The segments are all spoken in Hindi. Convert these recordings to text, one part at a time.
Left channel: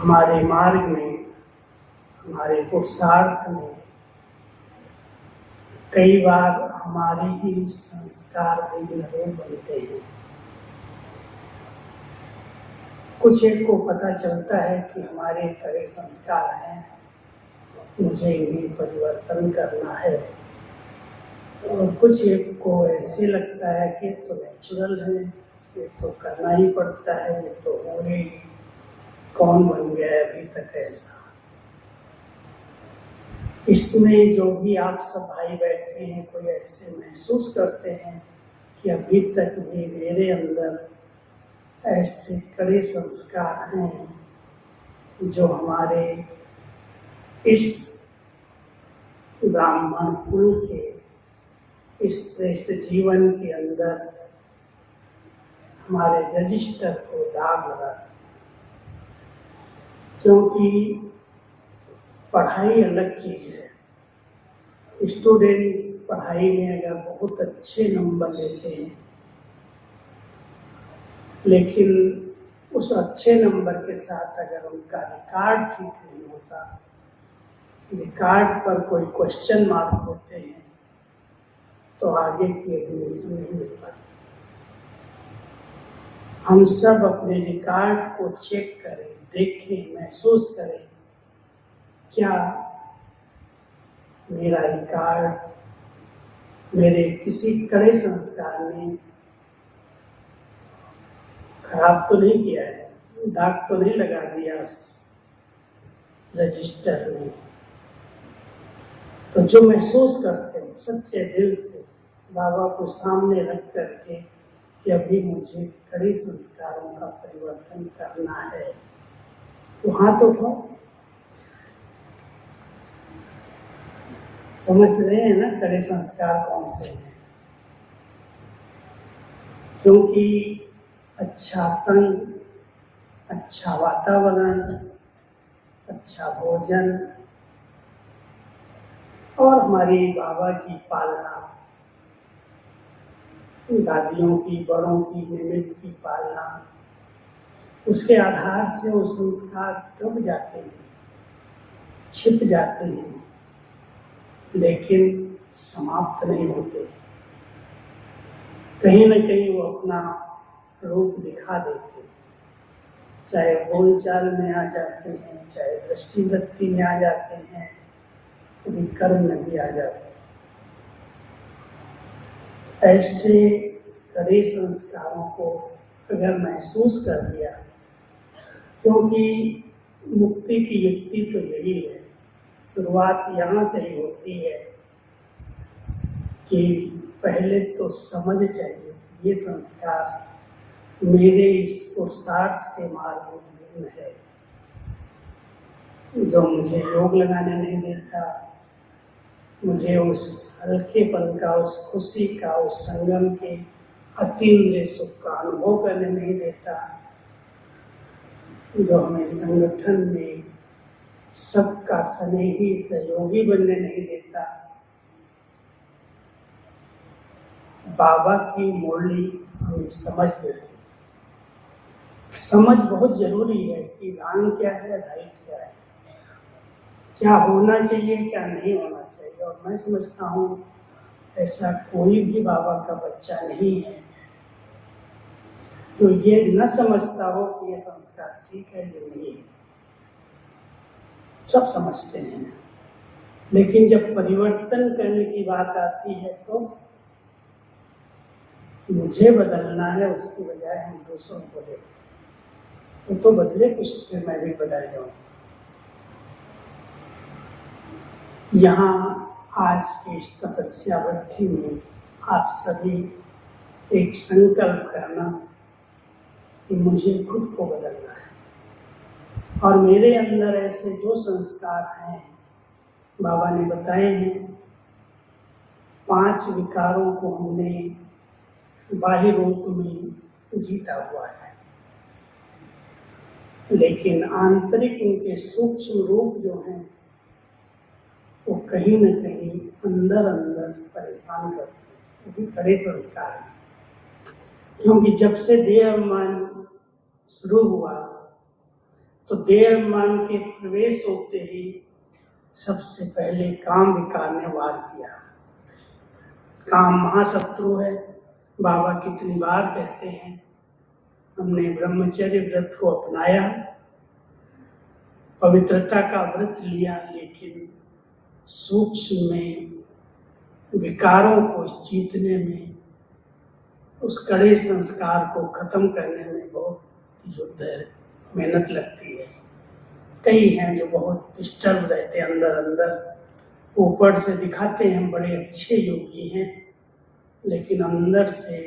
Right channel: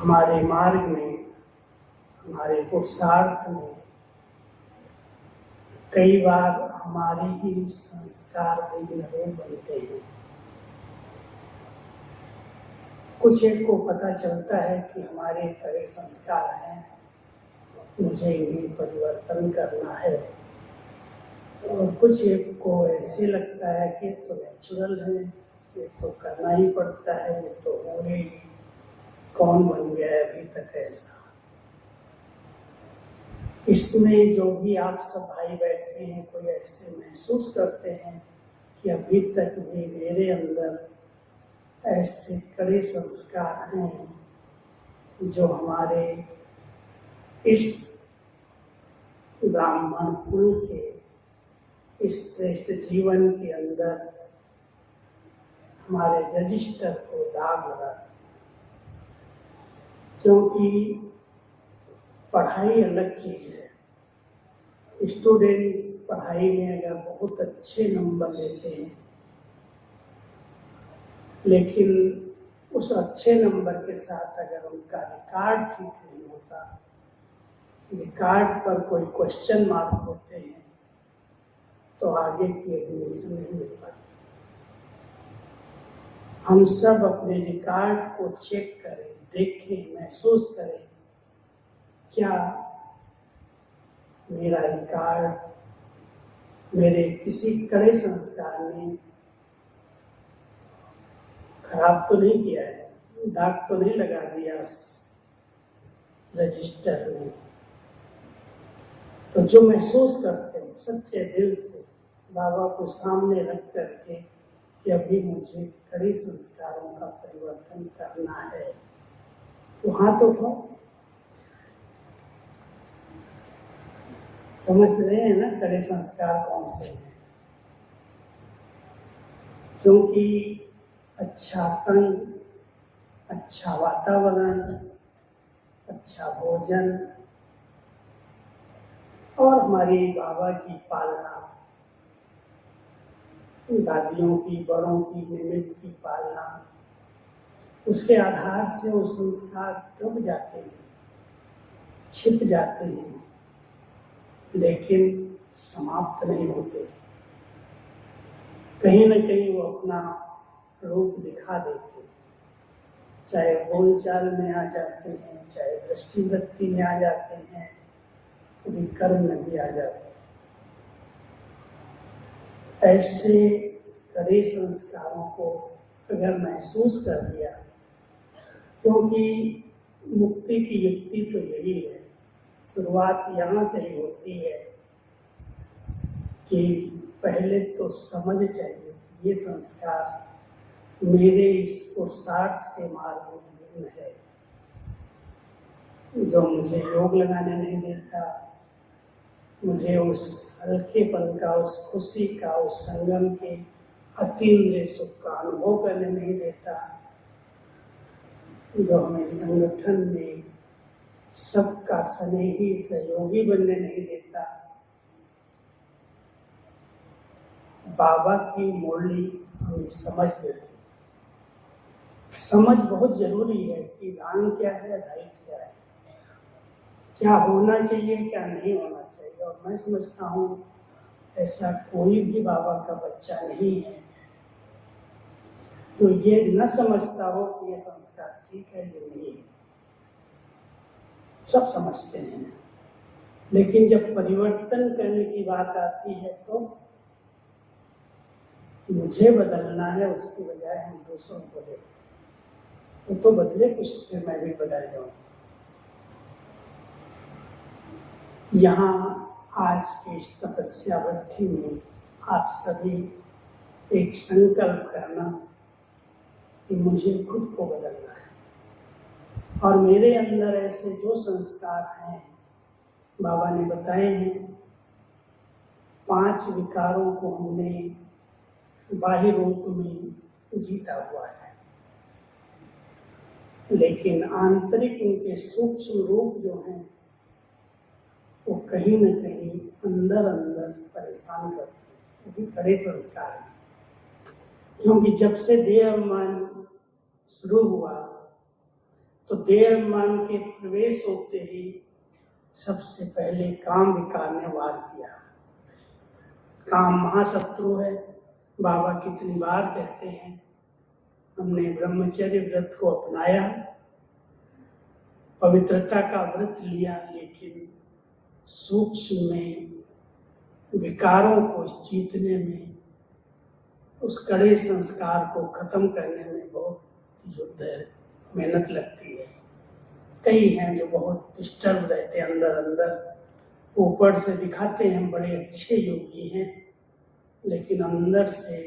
हमारे मार्ग में, हमारे पुरुषार्थ में कई बार हमारे ही संस्कार विघ्न रूप बनते हैं। कुछ एक को पता चलता है कि हमारे कड़े संस्कार हैं, मुझे इन्हें परिवर्तन करना है, और कुछ एक को ऐसे लगता है कि तो नेचुरल है, ये तो करना ही पड़ता है, ये तो होंगे ही, कौन बन गया है अभी तक ऐसा। इसमें जो भी आप सब भाई बैठे हैं, कोई ऐसे महसूस करते हैं कि अभी तक भी मेरे अंदर ऐसे कड़े संस्कार हैं जो हमारे इस ब्राह्मण कुल के, इस श्रेष्ठ जीवन के अंदर हमारे रजिस्टर को दाग लगाते हैं। क्योंकि पढ़ाई अलग चीज है। स्टूडेंट पढ़ाई में अगर बहुत अच्छे नंबर लेते हैं, लेकिन उस अच्छे नंबर के साथ अगर उनका रिकॉर्ड ठीक नहीं होता, रिकॉर्ड पर कोई क्वेश्चन मार्क होते हैं, तो आगे की एडमिशन नहीं मिल पाती। हम सब अपने रिकॉर्ड को चेक करें, देखें, महसूस करें, क्या मेरा रिकॉर्ड मेरे किसी कड़े संस्कार ने खराब तो नहीं किया है, दाग तो नहीं लगा दिया उस रजिस्टर में। तो जो महसूस करते हो सच्चे दिल से बाबा को सामने रख करके कि अभी मुझे कड़े संस्कारों का परिवर्तन करना है, वहां तो था। समझ रहे हैं ना कड़े संस्कार कौन से हैं? क्योंकि अच्छा संग, अच्छा वातावरण, अच्छा भोजन और हमारी बाबा की पालना, दादियों की, बड़ों की, निमित्त की पालना, उसके आधार से वो संस्कार दब जाते हैं, छिप जाते हैं, लेकिन समाप्त नहीं होते। कहीं न कहीं वो अपना रूप दिखा देते हैं, चाहे बोलचाल में आ जाते हैं, चाहे दृष्टिवृत्ति में आ जाते हैं, कभी कर्म में भी आ जाते हैं। ऐसे कड़े संस्कारों को अगर महसूस कर लिया, क्योंकि मुक्ति की युक्ति तो यही है, शुरुआत यहाँ से ही होती है कि पहले तो समझ चाहिए कि ये संस्कार मेरे इस पुरुषार्थ के मार्ग में विघ्न है, जो मुझे योग लगाने नहीं देता, मुझे उस हल्केपन का, उस खुशी का, उस संगम के अतीन्द्रिय सुख का अनुभव करने नहीं देता, जो हमें संगठन में सबका स्नेही सहयोगी बनने नहीं देता। बाबा की मुरली हमें समझ देती। समझ बहुत जरूरी है कि रॉन्ग क्या है, राइट क्या है, क्या होना चाहिए, क्या नहीं होना चाहिए। और मैं समझता हूँ ऐसा कोई भी बाबा का बच्चा नहीं है तो ये न समझता हो कि ये संस्कार ठीक है, ये नहीं है। सब समझते हैं, लेकिन जब परिवर्तन करने की बात आती है तो मुझे बदलना है, उसकी बजाय हम दूसरों को देखते हैं। वो तो बदले कुछ, फिर मैं भी बदल जाऊं। यहाँ आज की इस तपस्या वृद्धि में आप सभी एक संकल्प करना कि मुझे खुद को बदलना है, और मेरे अंदर ऐसे जो संस्कार हैं बाबा ने बताए हैं, 5 विकारों को हमने बाह्य रूप में जीता हुआ है, लेकिन आंतरिक उनके सूक्ष्म रूप जो हैं वो कहीं न कहीं अंदर अंदर परेशान करते हैं, वो भी बड़े संस्कार हैं। क्योंकि जब से देह अभिमान शुरू हुआ तो देह मन के प्रवेश होते ही सबसे पहले काम विकार ने वार किया। काम महाशत्रु है। बाबा कितनी बार कहते हैं, हमने ब्रह्मचर्य व्रत को अपनाया, पवित्रता का व्रत लिया, लेकिन सूक्ष्म में विकारों को जीतने में, उस कड़े संस्कार को खत्म करने में बहुत युद्ध है, मेहनत लगती है। कई हैं जो बहुत डिस्टर्ब रहते हैं अंदर अंदर, ऊपर से दिखाते हैं हम बड़े अच्छे योगी हैं, लेकिन अंदर से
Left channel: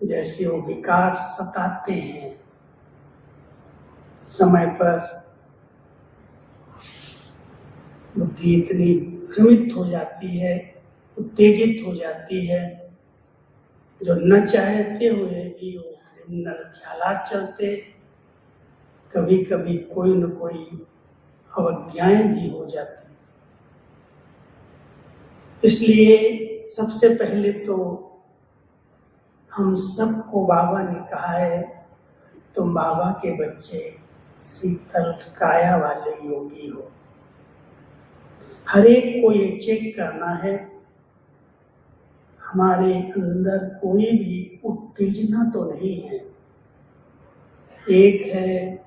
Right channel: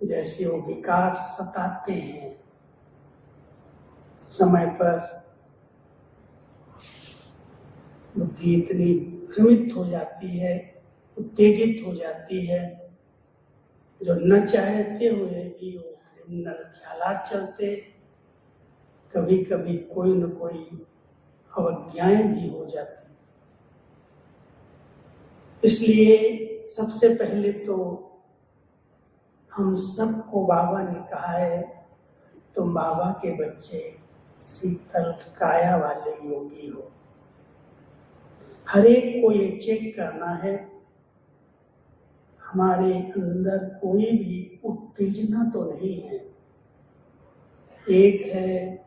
जैसे वो विकार सताते हैं। समय पर बुद्धि इतनी भ्रमित हो जाती है, उत्तेजित हो जाती है, जो न चाहते हुए भी वो क्रिमिनल ख्यालात चलते। कभी कभी कोई न कोई अवज्ञाएं भी हो जाती। इसलिए सबसे पहले तो हम सबको बाबा ने कहा है, तुम बाबा के बच्चे शीतल काया वाले योगी हो। हर एक को ये चेक करना है, हमारे अंदर कोई भी उत्तेजना तो नहीं है। एक है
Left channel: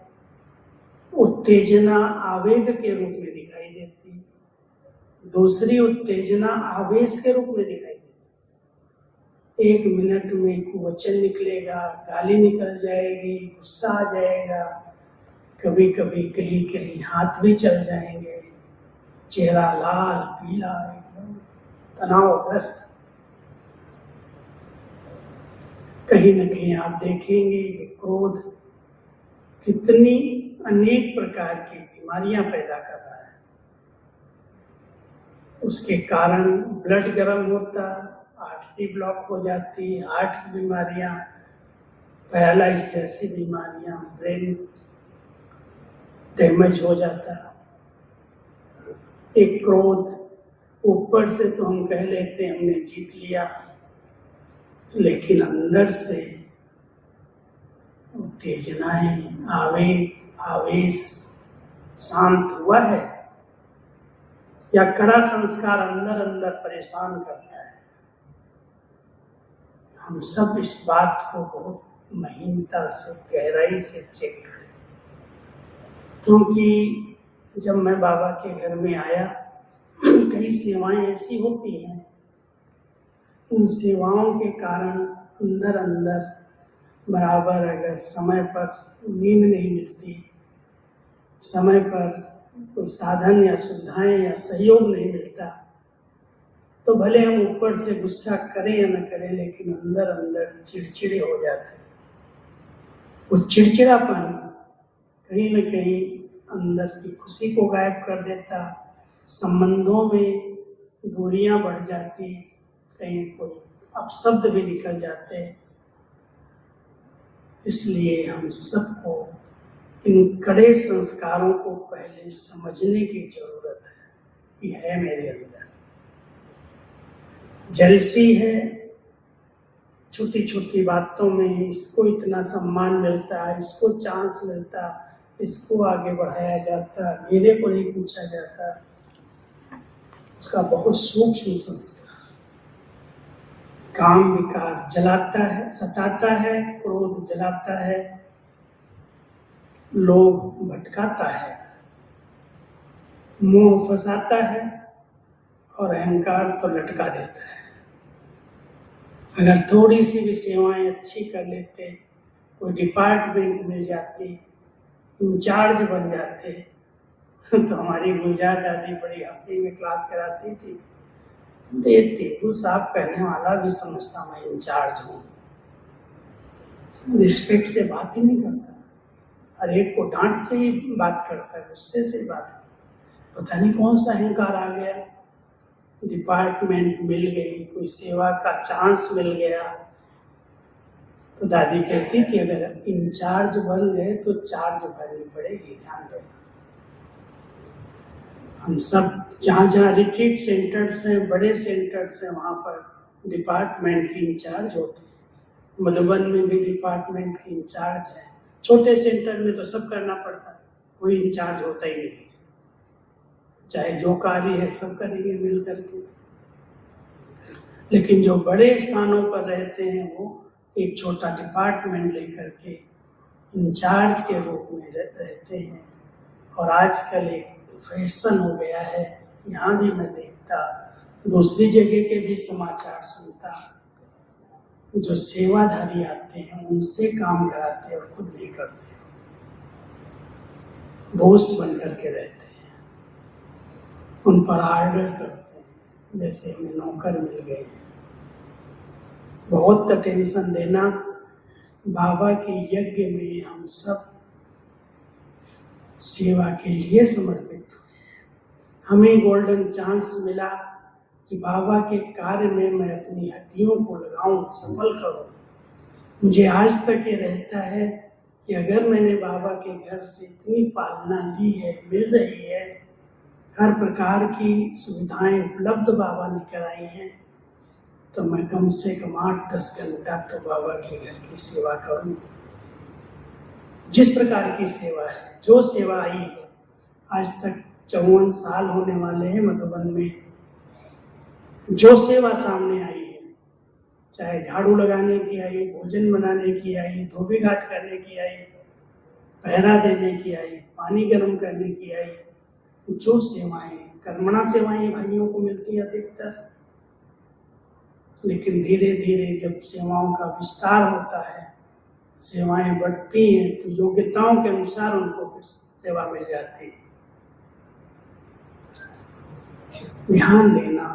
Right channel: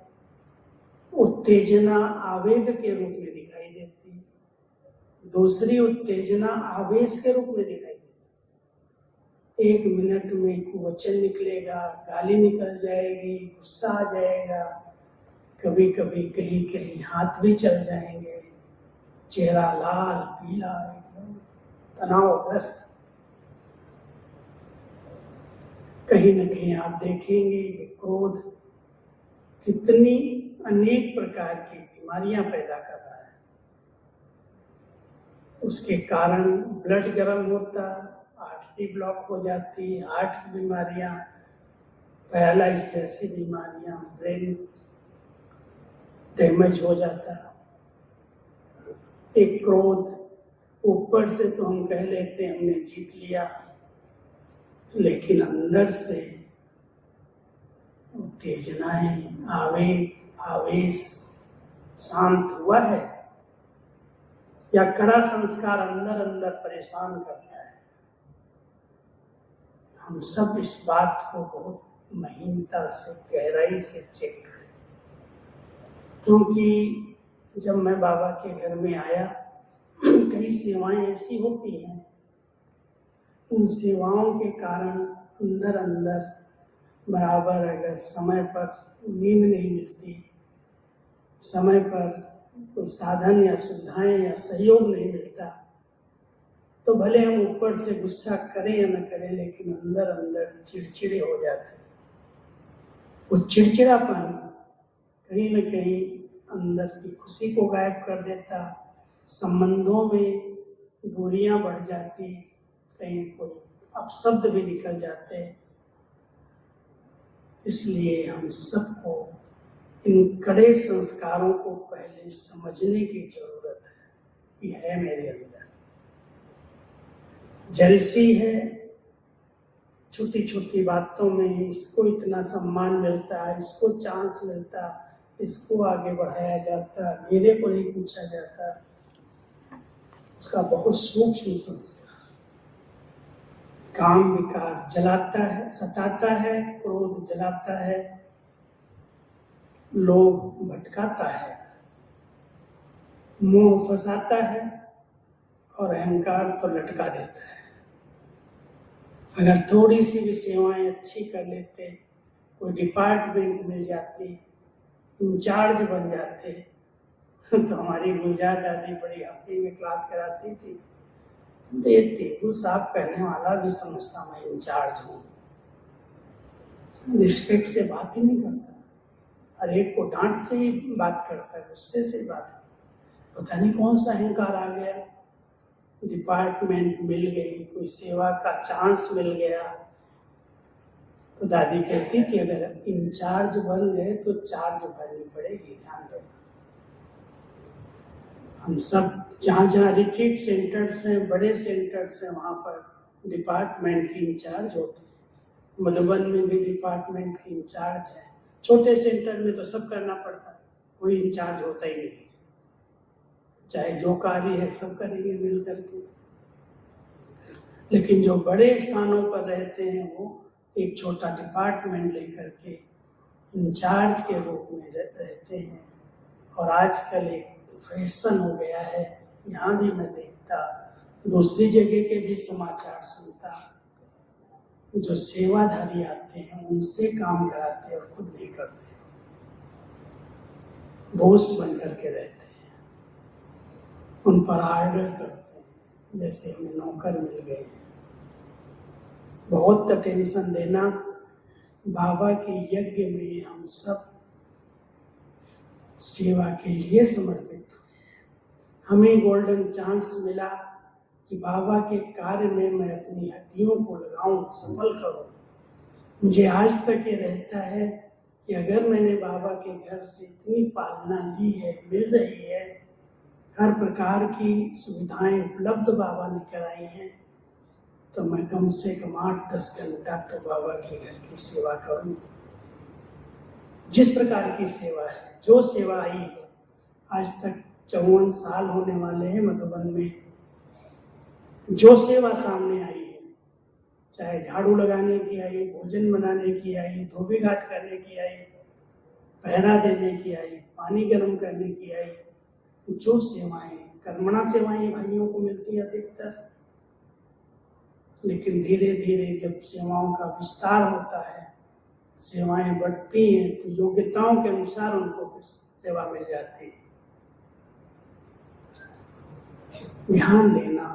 उत्तेजना आवेग के रूप में दिखाई देती, दूसरी उत्तेजना आवेश के रूप में दिखाई देती। 1 मिनट में कुवचन निकलेगा, गाली निकल जाएगी, गुस्सा आ जाएगा, कभी कभी कहीं कहीं हाथ भी चल जाएंगे, चेहरा लाल पीला एकदम तनावग्रस्त। कहीं न कहीं आप देखेंगे कि क्रोध कितनी अनेक प्रकार की बीमारियां पैदा कर रहा है। उसके कारण ब्लड गर्म होता, आर्टरी ब्लॉक हो जाती, हार्ट की बीमारियां, पैरालाइज जैसी बीमारियां, ब्रेन डैमेज हो जाता। एक क्रोध ऊपर से तो हम कह लेते हैं हमने जीत लिया, लेकिन अंदर से उत्तेजनाएं, आवेश शांत हुआ है या कड़ा संस्कार अंदर अंदर परेशान करता है। हम सब इस बात को बहुत महीनता से, गहराई से चेक करें, क्योंकि जब मैं बाबा के घर में आया, कई सेवाएं ऐसी होती हैं, उन सेवाओं के कारण अंदर अंदर बराबर अगर समय पर नींद नहीं मिलती, समय पर कोई साधन या सुविधाएं या सहयोग नहीं मिलता, तो भले हम ऊपर से गुस्सा करें या न करें, लेकिन अंदर अंदर चिड़चिड़े हो जाते। वो चिड़चिड़ापन कहीं न कहीं अंदर की खुशी को गायब कर देता, संबंधों में दूरियां बढ़ जाती, कहीं कोई अपशब्द भी निकल जाते। इसलिए हम सबको इन कड़े संस्कारों को पहले समझने की जरूरत है। ये है मेरे अंदर जेलसी है, छोटी छोटी बातों में इसको इतना सम्मान मिलता है, इसको चांस मिलता, इसको आगे बढ़ाया जाता, मेरे को नहीं पूछा जाता। उसका बहुत सूक्ष्म संस्कार। काम विकार जलाता है, सताता है, क्रोध जलाता है, लोभ भटकाता है, मोह फंसाता है और अहंकार तो लटका देता है। अगर थोड़ी सी भी सेवाएं अच्छी कर लेते, कोई डिपार्टमेंट मिल जाती, इंचार्ज बन जाते, तो हमारी गुलजार दादी बड़ी हंसी में क्लास कराती थी, ये टेबल साफ करने वाला भी समझता मैं इंचार्ज हूँ। रिस्पेक्ट से बात ही नहीं करता, हर एक को डांट से ही बात करता है, गुस्से से बात करता। पता नहीं कौन सा अहंकार आ गया, डिपार्टमेंट मिल गई, कोई सेवा का चांस मिल गया, तो दादी कहती थी अगर इंचार्ज बन गए तो चार्ज भरनी पड़ेगी, ध्यान दो। हम सब जहाँ जहाँ रिट्रीट सेंटर्स हैं, बड़े सेंटर्स हैं, वहाँ पर डिपार्टमेंट की इंचार्ज होते हैं। मधुबन में भी डिपार्टमेंट की इंचार्ज है। छोटे सेंटर में तो सब करना पड़ता है, कोई इंचार्ज होता ही नहीं, चाहे जो कार्य है सब करेंगे मिल करके। लेकिन जो बड़े स्थानों पर रहते हैं वो एक छोटा डिपार्टमेंट लेकर के इंचार्ज के रूप में रहते हैं। और आजकल एक फैशन हो गया है, यहाँ भी मैं देखता, दूसरी जगह के भी समाचार सुनता, जो सेवाधारी आते हैं उनसे काम कराते और खुद नहीं करते, बॉस बन करके रहते हैं, उन पर आर्डर करते हैं जैसे हमें नौकर मिल गए। बहुत टेंशन देना। बाबा के यज्ञ में हम सब सेवा के लिए समर्पित हुए। हमें गोल्डन चांस मिला कि बाबा के कार्य में मैं अपनी हड्डियों को लगाऊं, सफल करूं। मुझे आज तक ये रहता है कि अगर मैंने बाबा के घर से इतनी पालना ली है, मिल रही है, हर प्रकार की सुविधाएं उपलब्ध बाबा ने कराई हैं, तो मैं कम से कम 8-10 घंटा तो बाबा के घर की सेवा करूं। जिस प्रकार की सेवा है, जो सेवा आई है, आज तक 54 साल होने वाले हैं मधुबन में, जो सेवा सामने आई है, चाहे झाड़ू लगाने की आई, भोजन बनाने की आई, धोबी घाट करने की आई, पहरा देने की आई, पानी गर्म करने की आई, जो सेवाएं, कर्मणा सेवाएं भाइयों को मिलती है अधिकतर। लेकिन धीरे धीरे जब सेवाओं का विस्तार होता है, सेवाएं बढ़ती हैं, तो योग्यताओं के अनुसार उनको फिर सेवा मिल जाती है। ध्यान देना,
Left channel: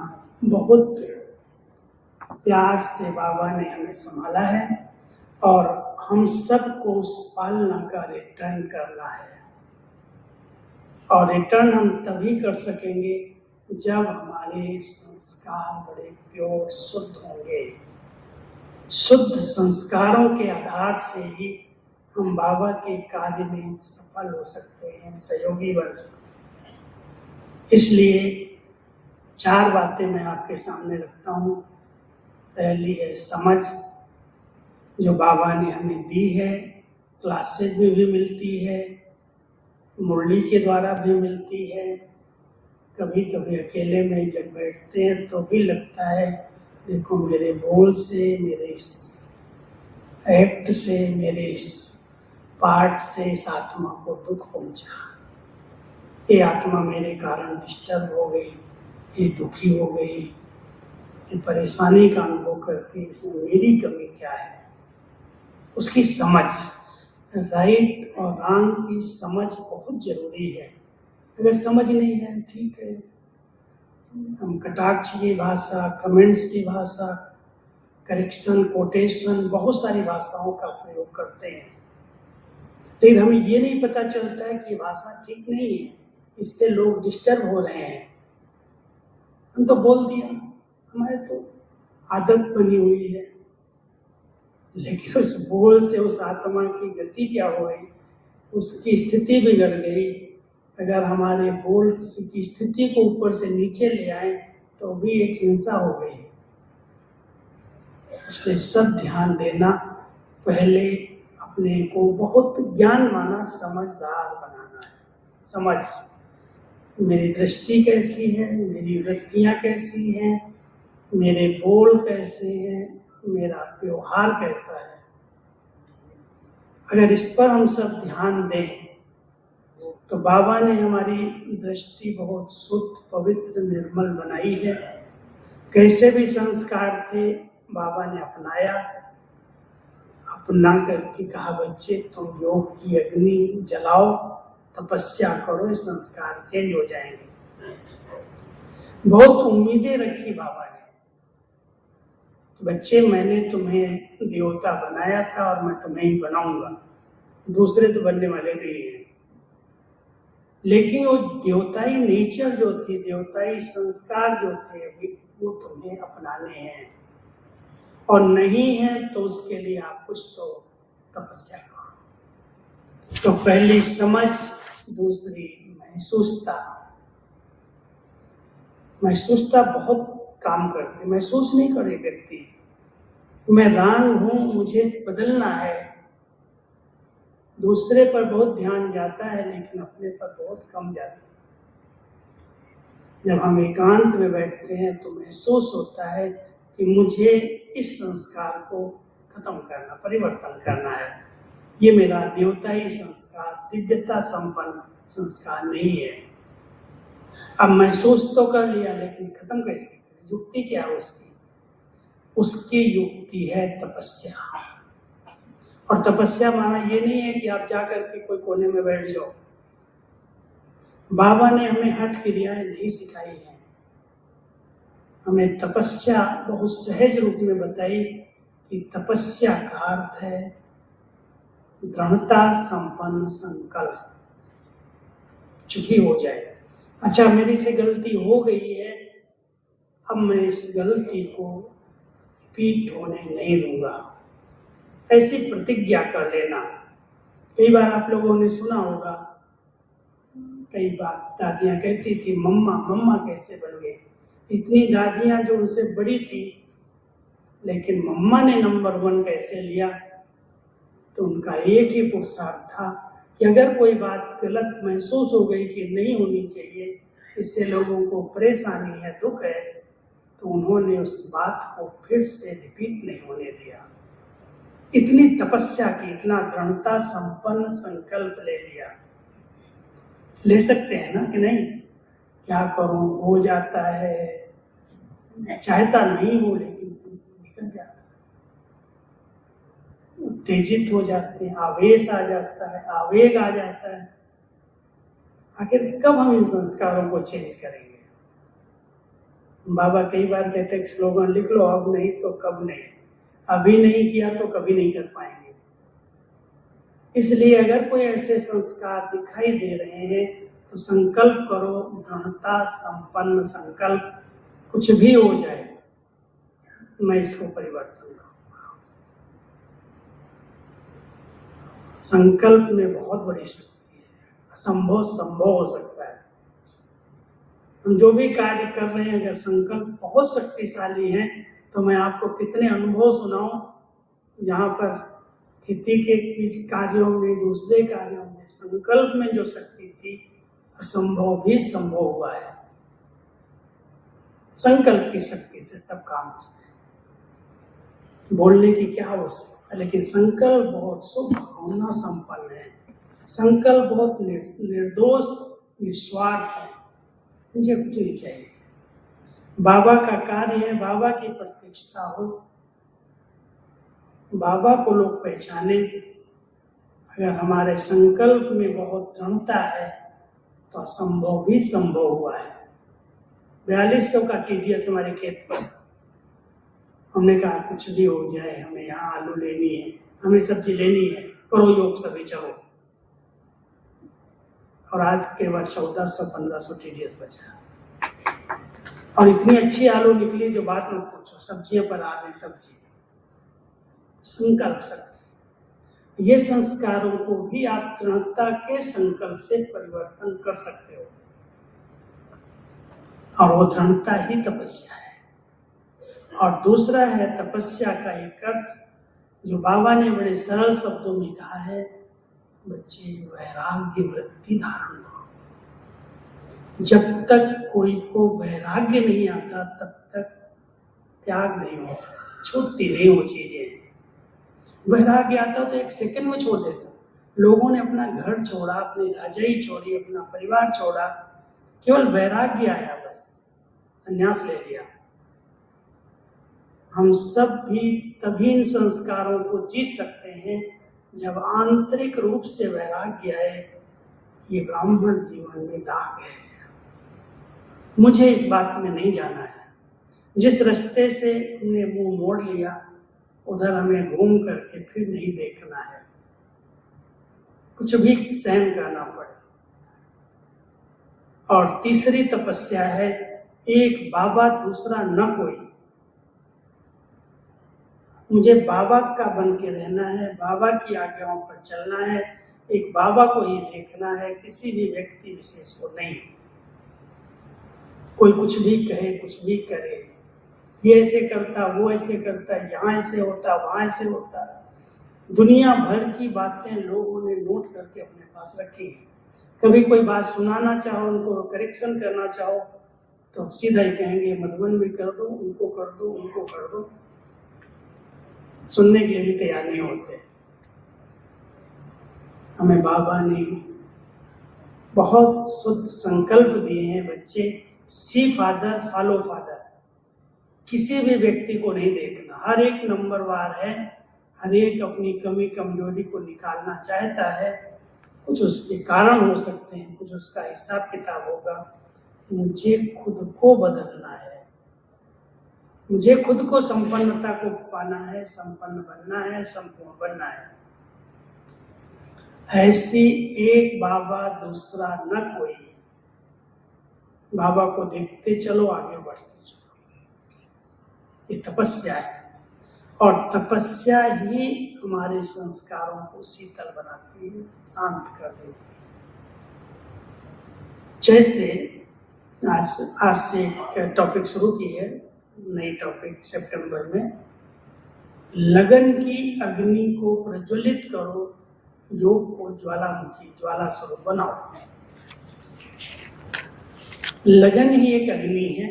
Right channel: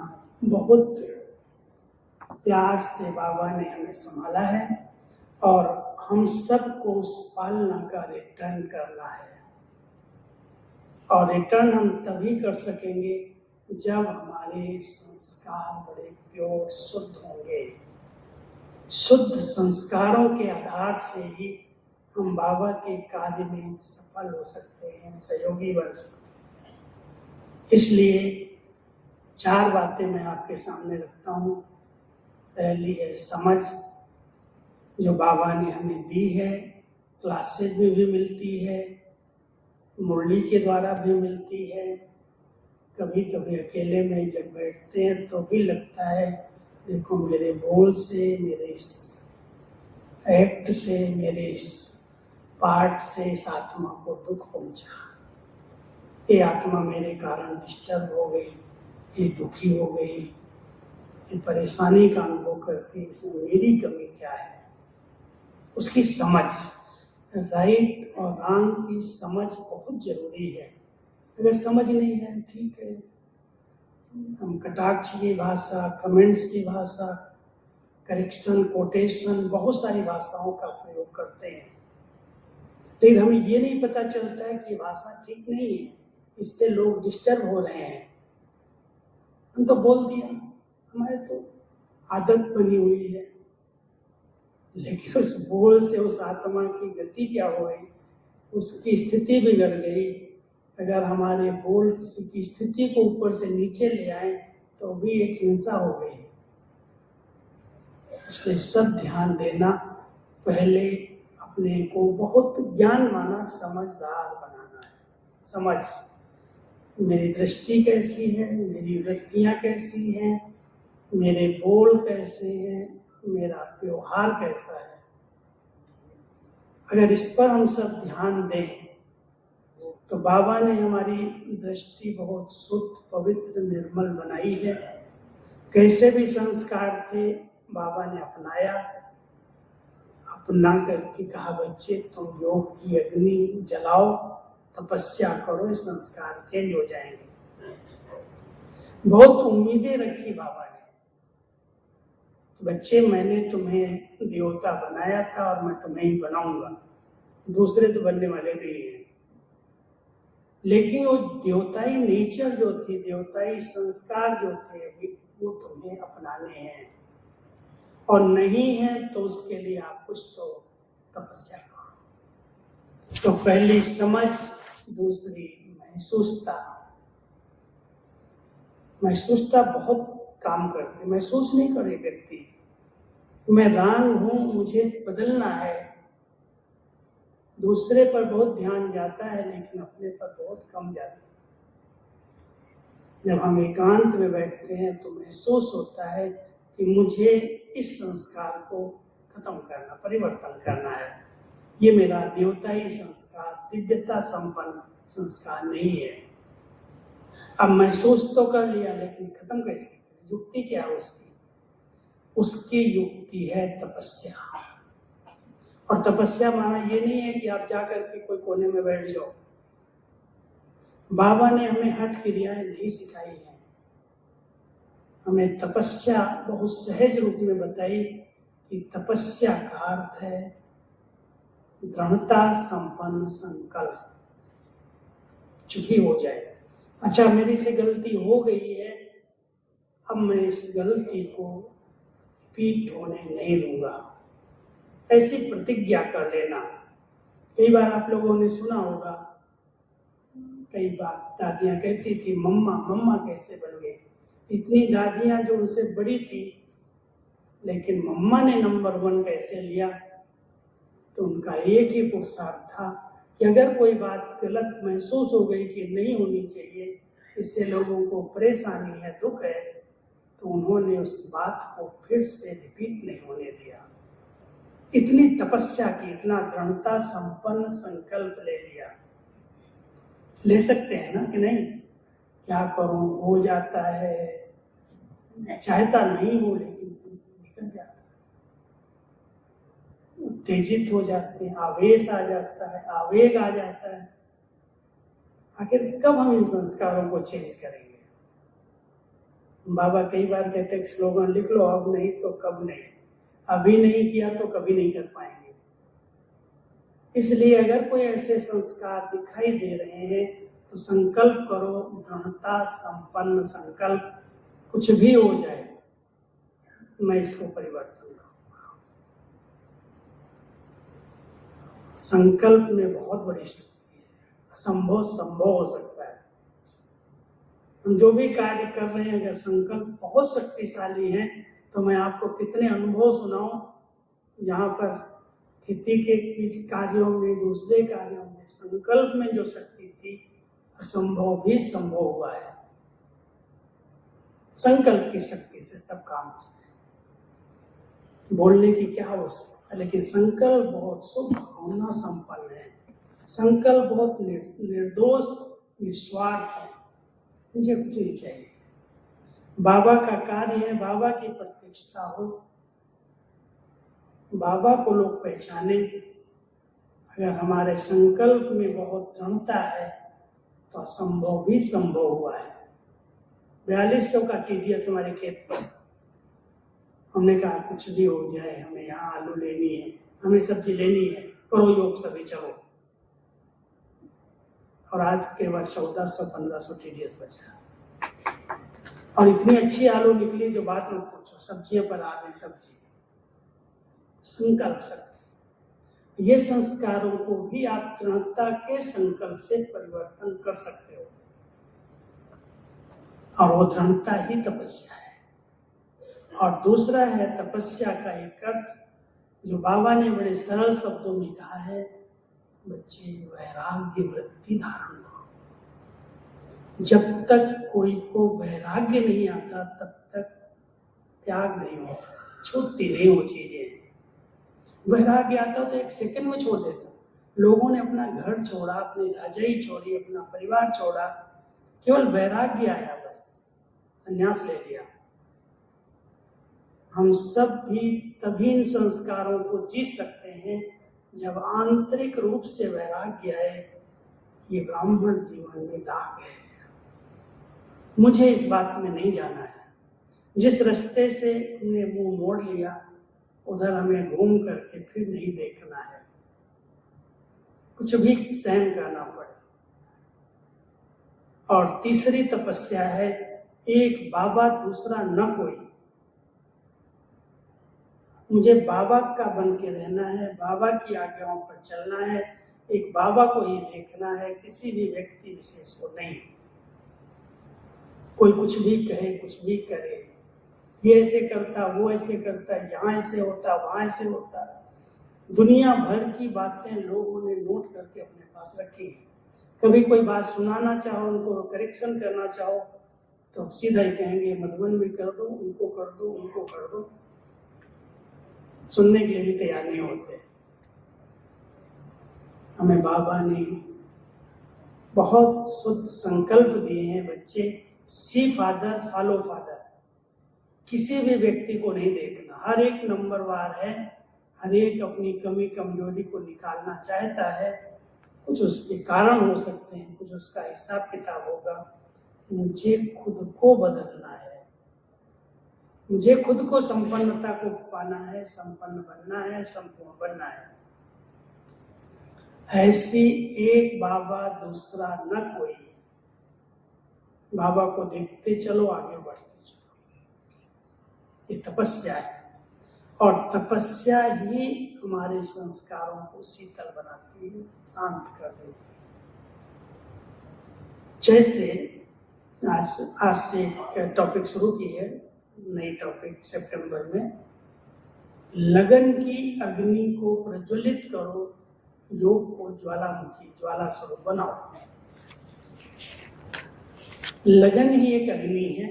बहुत प्यार से बाबा ने हमें संभाला है और हम सबको उस पालना का रिटर्न करना है। और रिटर्न हम तभी कर सकेंगे जब हमारे संस्कार बड़े प्योर शुद्ध होंगे। शुद्ध संस्कारों के आधार से ही हम बाबा के कार्य में सफल हो सकते हैं, सहयोगी बन सकते हैं। इसलिए 4 बातें मैं आपके सामने रखता हूँ। पहली है समझ, जो बाबा ने हमें दी है, क्लासेज में भी मिलती है, मुरली के द्वारा भी मिलती है। कभी कभी अकेले में जब बैठते हैं तो भी लगता है, देखो मेरे बोल से, मेरे इस एक्ट से, मेरे इस पाठ से इस आत्मा को दुख पहुंचा, ये आत्मा मेरे कारण डिस्टर्ब हो गई, ये दुखी हो गई, ये परेशानी का अनुभव करती है, इसमें मेरी कमी क्या है। उसकी समझ, राइट और रॉन्ग की समझ बहुत जरूरी है। अगर समझ नहीं है, ठीक है, हम कटाक्ष की भाषा, कमेंट्स की भाषा, करेक्शन, कोटेशन, बहुत सारी भाषाओं का प्रयोग करते हैं, लेकिन हमें ये नहीं पता चलता है कि भाषा ठीक नहीं है, इससे लोग डिस्टर्ब हो रहे हैं। हम तो बोल दिया, हमारे तो आदत बनी हुई है, लेकिन उस बोल से उस आत्मा की गति क्या हो गई, उसकी स्थिति बिगड़ गई। अगर हमारे बोल किसी की स्थिति को ऊपर से नीचे ले आए तो भी एक हिंसा हो गई। इसलिए सब ध्यान देना, पहले अपने को बहुत ज्ञानवाना समझदार बनाना है। समझ, मेरी दृष्टि कैसी है, मेरी वृत्तियां कैसी हैं, मेरे बोल कैसे हैं, मेरा व्यवहार कैसा है। अगर इस पर हम सब ध्यान दें तो बाबा ने हमारी दृष्टि बहुत शुद्ध, पवित्र, निर्मल बनाई है। कैसे भी संस्कार थे बाबा ने अपनाया, अपना करके कहा, बच्चे तुम योग की अग्नि जलाओ, तपस्या करो, संस्कार चेंज हो जाएंगे। बहुत उम्मीदें रखी बाबा ने, बच्चे मैंने तुम्हें देवता बनाया था और मैं तुम्हें ही बनाऊंगा, दूसरे तो बनने वाले नहीं है। लेकिन वो देवताई नेचर जो थी, देवताई संस्कार जो थे, वो तुम्हें अपनाने हैं, और नहीं है तो उसके लिए आप कुछ तो तपस्या करो। तो पहली समझ, दूसरी महसूसता। महसूसता बहुत काम करती। महसूस नहीं करे व्यक्ति, मैं रांग हूं, मुझे बदलना है, दूसरे पर बहुत ध्यान जाता है लेकिन अपने पर बहुत कम जाता है। जब हम एकांत में बैठते हैं तो महसूस होता है कि मुझे इस संस्कार को खत्म करना, परिवर्तन करना है। ये मेरा देवताई संस्कार, दिव्यता संपन्न संस्कार नहीं है। अब महसूस तो कर लिया लेकिन खत्म कैसे? युक्ति क्या है उसकी? उसकी युक्ति है तपस्या। और तपस्या माना ये नहीं है कि आप जाकर के कोई कोने में बैठ जाओ। बाबा ने हमें हठ क्रियाएं नहीं सिखाई है, हमें तपस्या बहुत सहज रूप में बताई कि तपस्या का अर्थ है दृढ़ता संपन्न संकल्प। चुकी हो जाए, अच्छा मेरी से गलती हो गई है, अब मैं इस गलती को रिपीट होने नहीं दूंगा, ऐसी प्रतिज्ञा कर लेना। कई बार आप लोगों ने सुना होगा, कई बार दादियां कहती थी मम्मा मम्मा कैसे बन गई। इतनी दादियां जो उनसे बड़ी थी, लेकिन मम्मा ने नंबर 1 कैसे लिया? तो उनका एक ही पुरुषार्थ था कि अगर कोई बात गलत महसूस हो गई कि नहीं होनी चाहिए, इससे लोगों को परेशानी है, दुख है, तो उन्होंने उस बात को फिर से रिपीट नहीं होने दिया। इतनी तपस्या की, इतना दृढ़ता संपन्न संकल्प ले लिया। ले सकते हैं ना कि नहीं? क्या करूं, हो जाता है, मैं चाहता नहीं हूं लेकिन निकल जाता है, उत्तेजित हो जाते हैं, आवेश आ जाता है, आवेग आ जाता है। आखिर कब हम इन संस्कारों को चेंज करेंगे? बाबा कई बार कहते हैं स्लोगन लिख लो, अब नहीं तो कब नहीं, अभी नहीं किया तो कभी नहीं कर पाएंगे। इसलिए अगर कोई ऐसे संस्कार दिखाई दे रहे हैं तो संकल्प करो, दृढ़ता संपन्न संकल्प, कुछ भी हो जाए मैं इसको परिवर्तन करूंगा। संकल्प में बहुत बड़ी शक्ति है, असंभव संभव हो सकता है। हम जो भी कार्य कर रहे हैं, अगर संकल्प बहुत शक्तिशाली है, तो मैं आपको कितने अनुभव सुनाऊं यहाँ पर खेती के बीच कार्यों में, दूसरे कार्यों में संकल्प में जो शक्ति थी, असंभव भी संभव हुआ है। संकल्प की शक्ति से सब काम हो सकते। बोलने की क्या आवश्यकता है, लेकिन संकल्प बहुत शुभ भावना संपन्न है। संकल्प बहुत निर्दोष, निस्वार्थ है, मुझे कुछ नहीं चाहिए। बाबा का कार्य है, बाबा की प्रत्यक्षता हो, बाबा को लोग पहचाने। अगर हमारे संकल्प में बहुत दृढ़ता है तो असंभव भी संभव हुआ है। 4200 का TDS हमारे खेत में, हमने कहा कुछ भी हो जाए, हमें यहाँ आलू लेनी है, हमें सब्जी लेनी है, करो योग सभी चलो। और आज केवल 1400-1500 TDS बचा, और इतनी अच्छी आलू निकली जो बात मत पूछो, सब्जियों पर आ रही सब्जी। संकल्प शक्ति, ये संस्कारों को भी आप दृढ़ता के संकल्प से परिवर्तन कर सकते हो, और वो दृढ़ता ही तपस्या है। और दूसरा है तपस्या का एक अर्थ जो बाबा ने बड़े सरल शब्दों में कहा है, बच्चे वैराग्य वृत्ति धारण करो। जब तक कोई को वैराग्य नहीं आता तब तक त्याग नहीं होता, छूटती नहीं वो चीजें। वैराग्य आता तो 1 सेकंड में छोड़ देता। लोगों ने अपना घर छोड़ा, अपनी राजाई छोड़ी, अपना परिवार छोड़ा, केवल वैराग्य आया, बस संन्यास ले लिया। हम सब भी तभी इन संस्कारों को जी सकते हैं जब आंतरिक रूप से वैराग्य आए, ये ब्राह्मण जीवन में दाग है, मुझे इस बात में नहीं जाना है। जिस रास्ते से हमने मुंह मोड़ लिया उधर हमें घूम करके फिर नहीं देखना है, कुछ भी सहन करना पड़े। और तीसरी तपस्या है एक बाबा दूसरा न कोई। मुझे बाबा का बन के रहना है, बाबा की आज्ञाओं पर चलना है, एक बाबा को ही देखना है, किसी भी व्यक्ति विशेष को नहीं। कोई कुछ भी कहे, कुछ भी करे, ये ऐसे करता, वो ऐसे करता, यहाँ ऐसे होता, वहां ऐसे होता, दुनिया भर की बातें लोगों ने नोट करके अपने पास रखी है। कभी कोई बात सुनाना चाहो, उनको करेक्शन करना चाहो, तो सीधा ही कहेंगे मधुबन भी कर दो, उनको कर दो, उनको कर दो। सुनने के लिए भी तैयार नहीं होते। हमें बाबा ने बहुत शुद्ध संकल्प दिए हैं, बच्चे, सी फादर फॉलो फादर। किसी भी व्यक्ति को नहीं देखना, हर एक नंबरवार है, हर एक अपनी कमी कमजोरी को निकालना चाहता है। कुछ उसके कारण हो सकते हैं, कुछ उसका हिसाब किताब होगा। मुझे खुद को बदलना है, मुझे खुद को संपन्नता को पाना है, संपन्न बनना है, संपूर्ण बनना है। ऐसी एक बाबा दूसरा न कोई। बाबा को देखते चलो, आगे बढ़ते चलो। ये तपस्या है, और तपस्या ही हमारे संस्कारों को शीतल बनाती है, शांत कर देती है। जैसे आज से एक टॉपिक शुरू की है, नई टॉपिक सितंबर में, लगन की अग्नि को प्रज्वलित करो, योग को ज्वालामुखी ज्वाला स्वरूप बनाओ। लगन ही एक अग्नि है,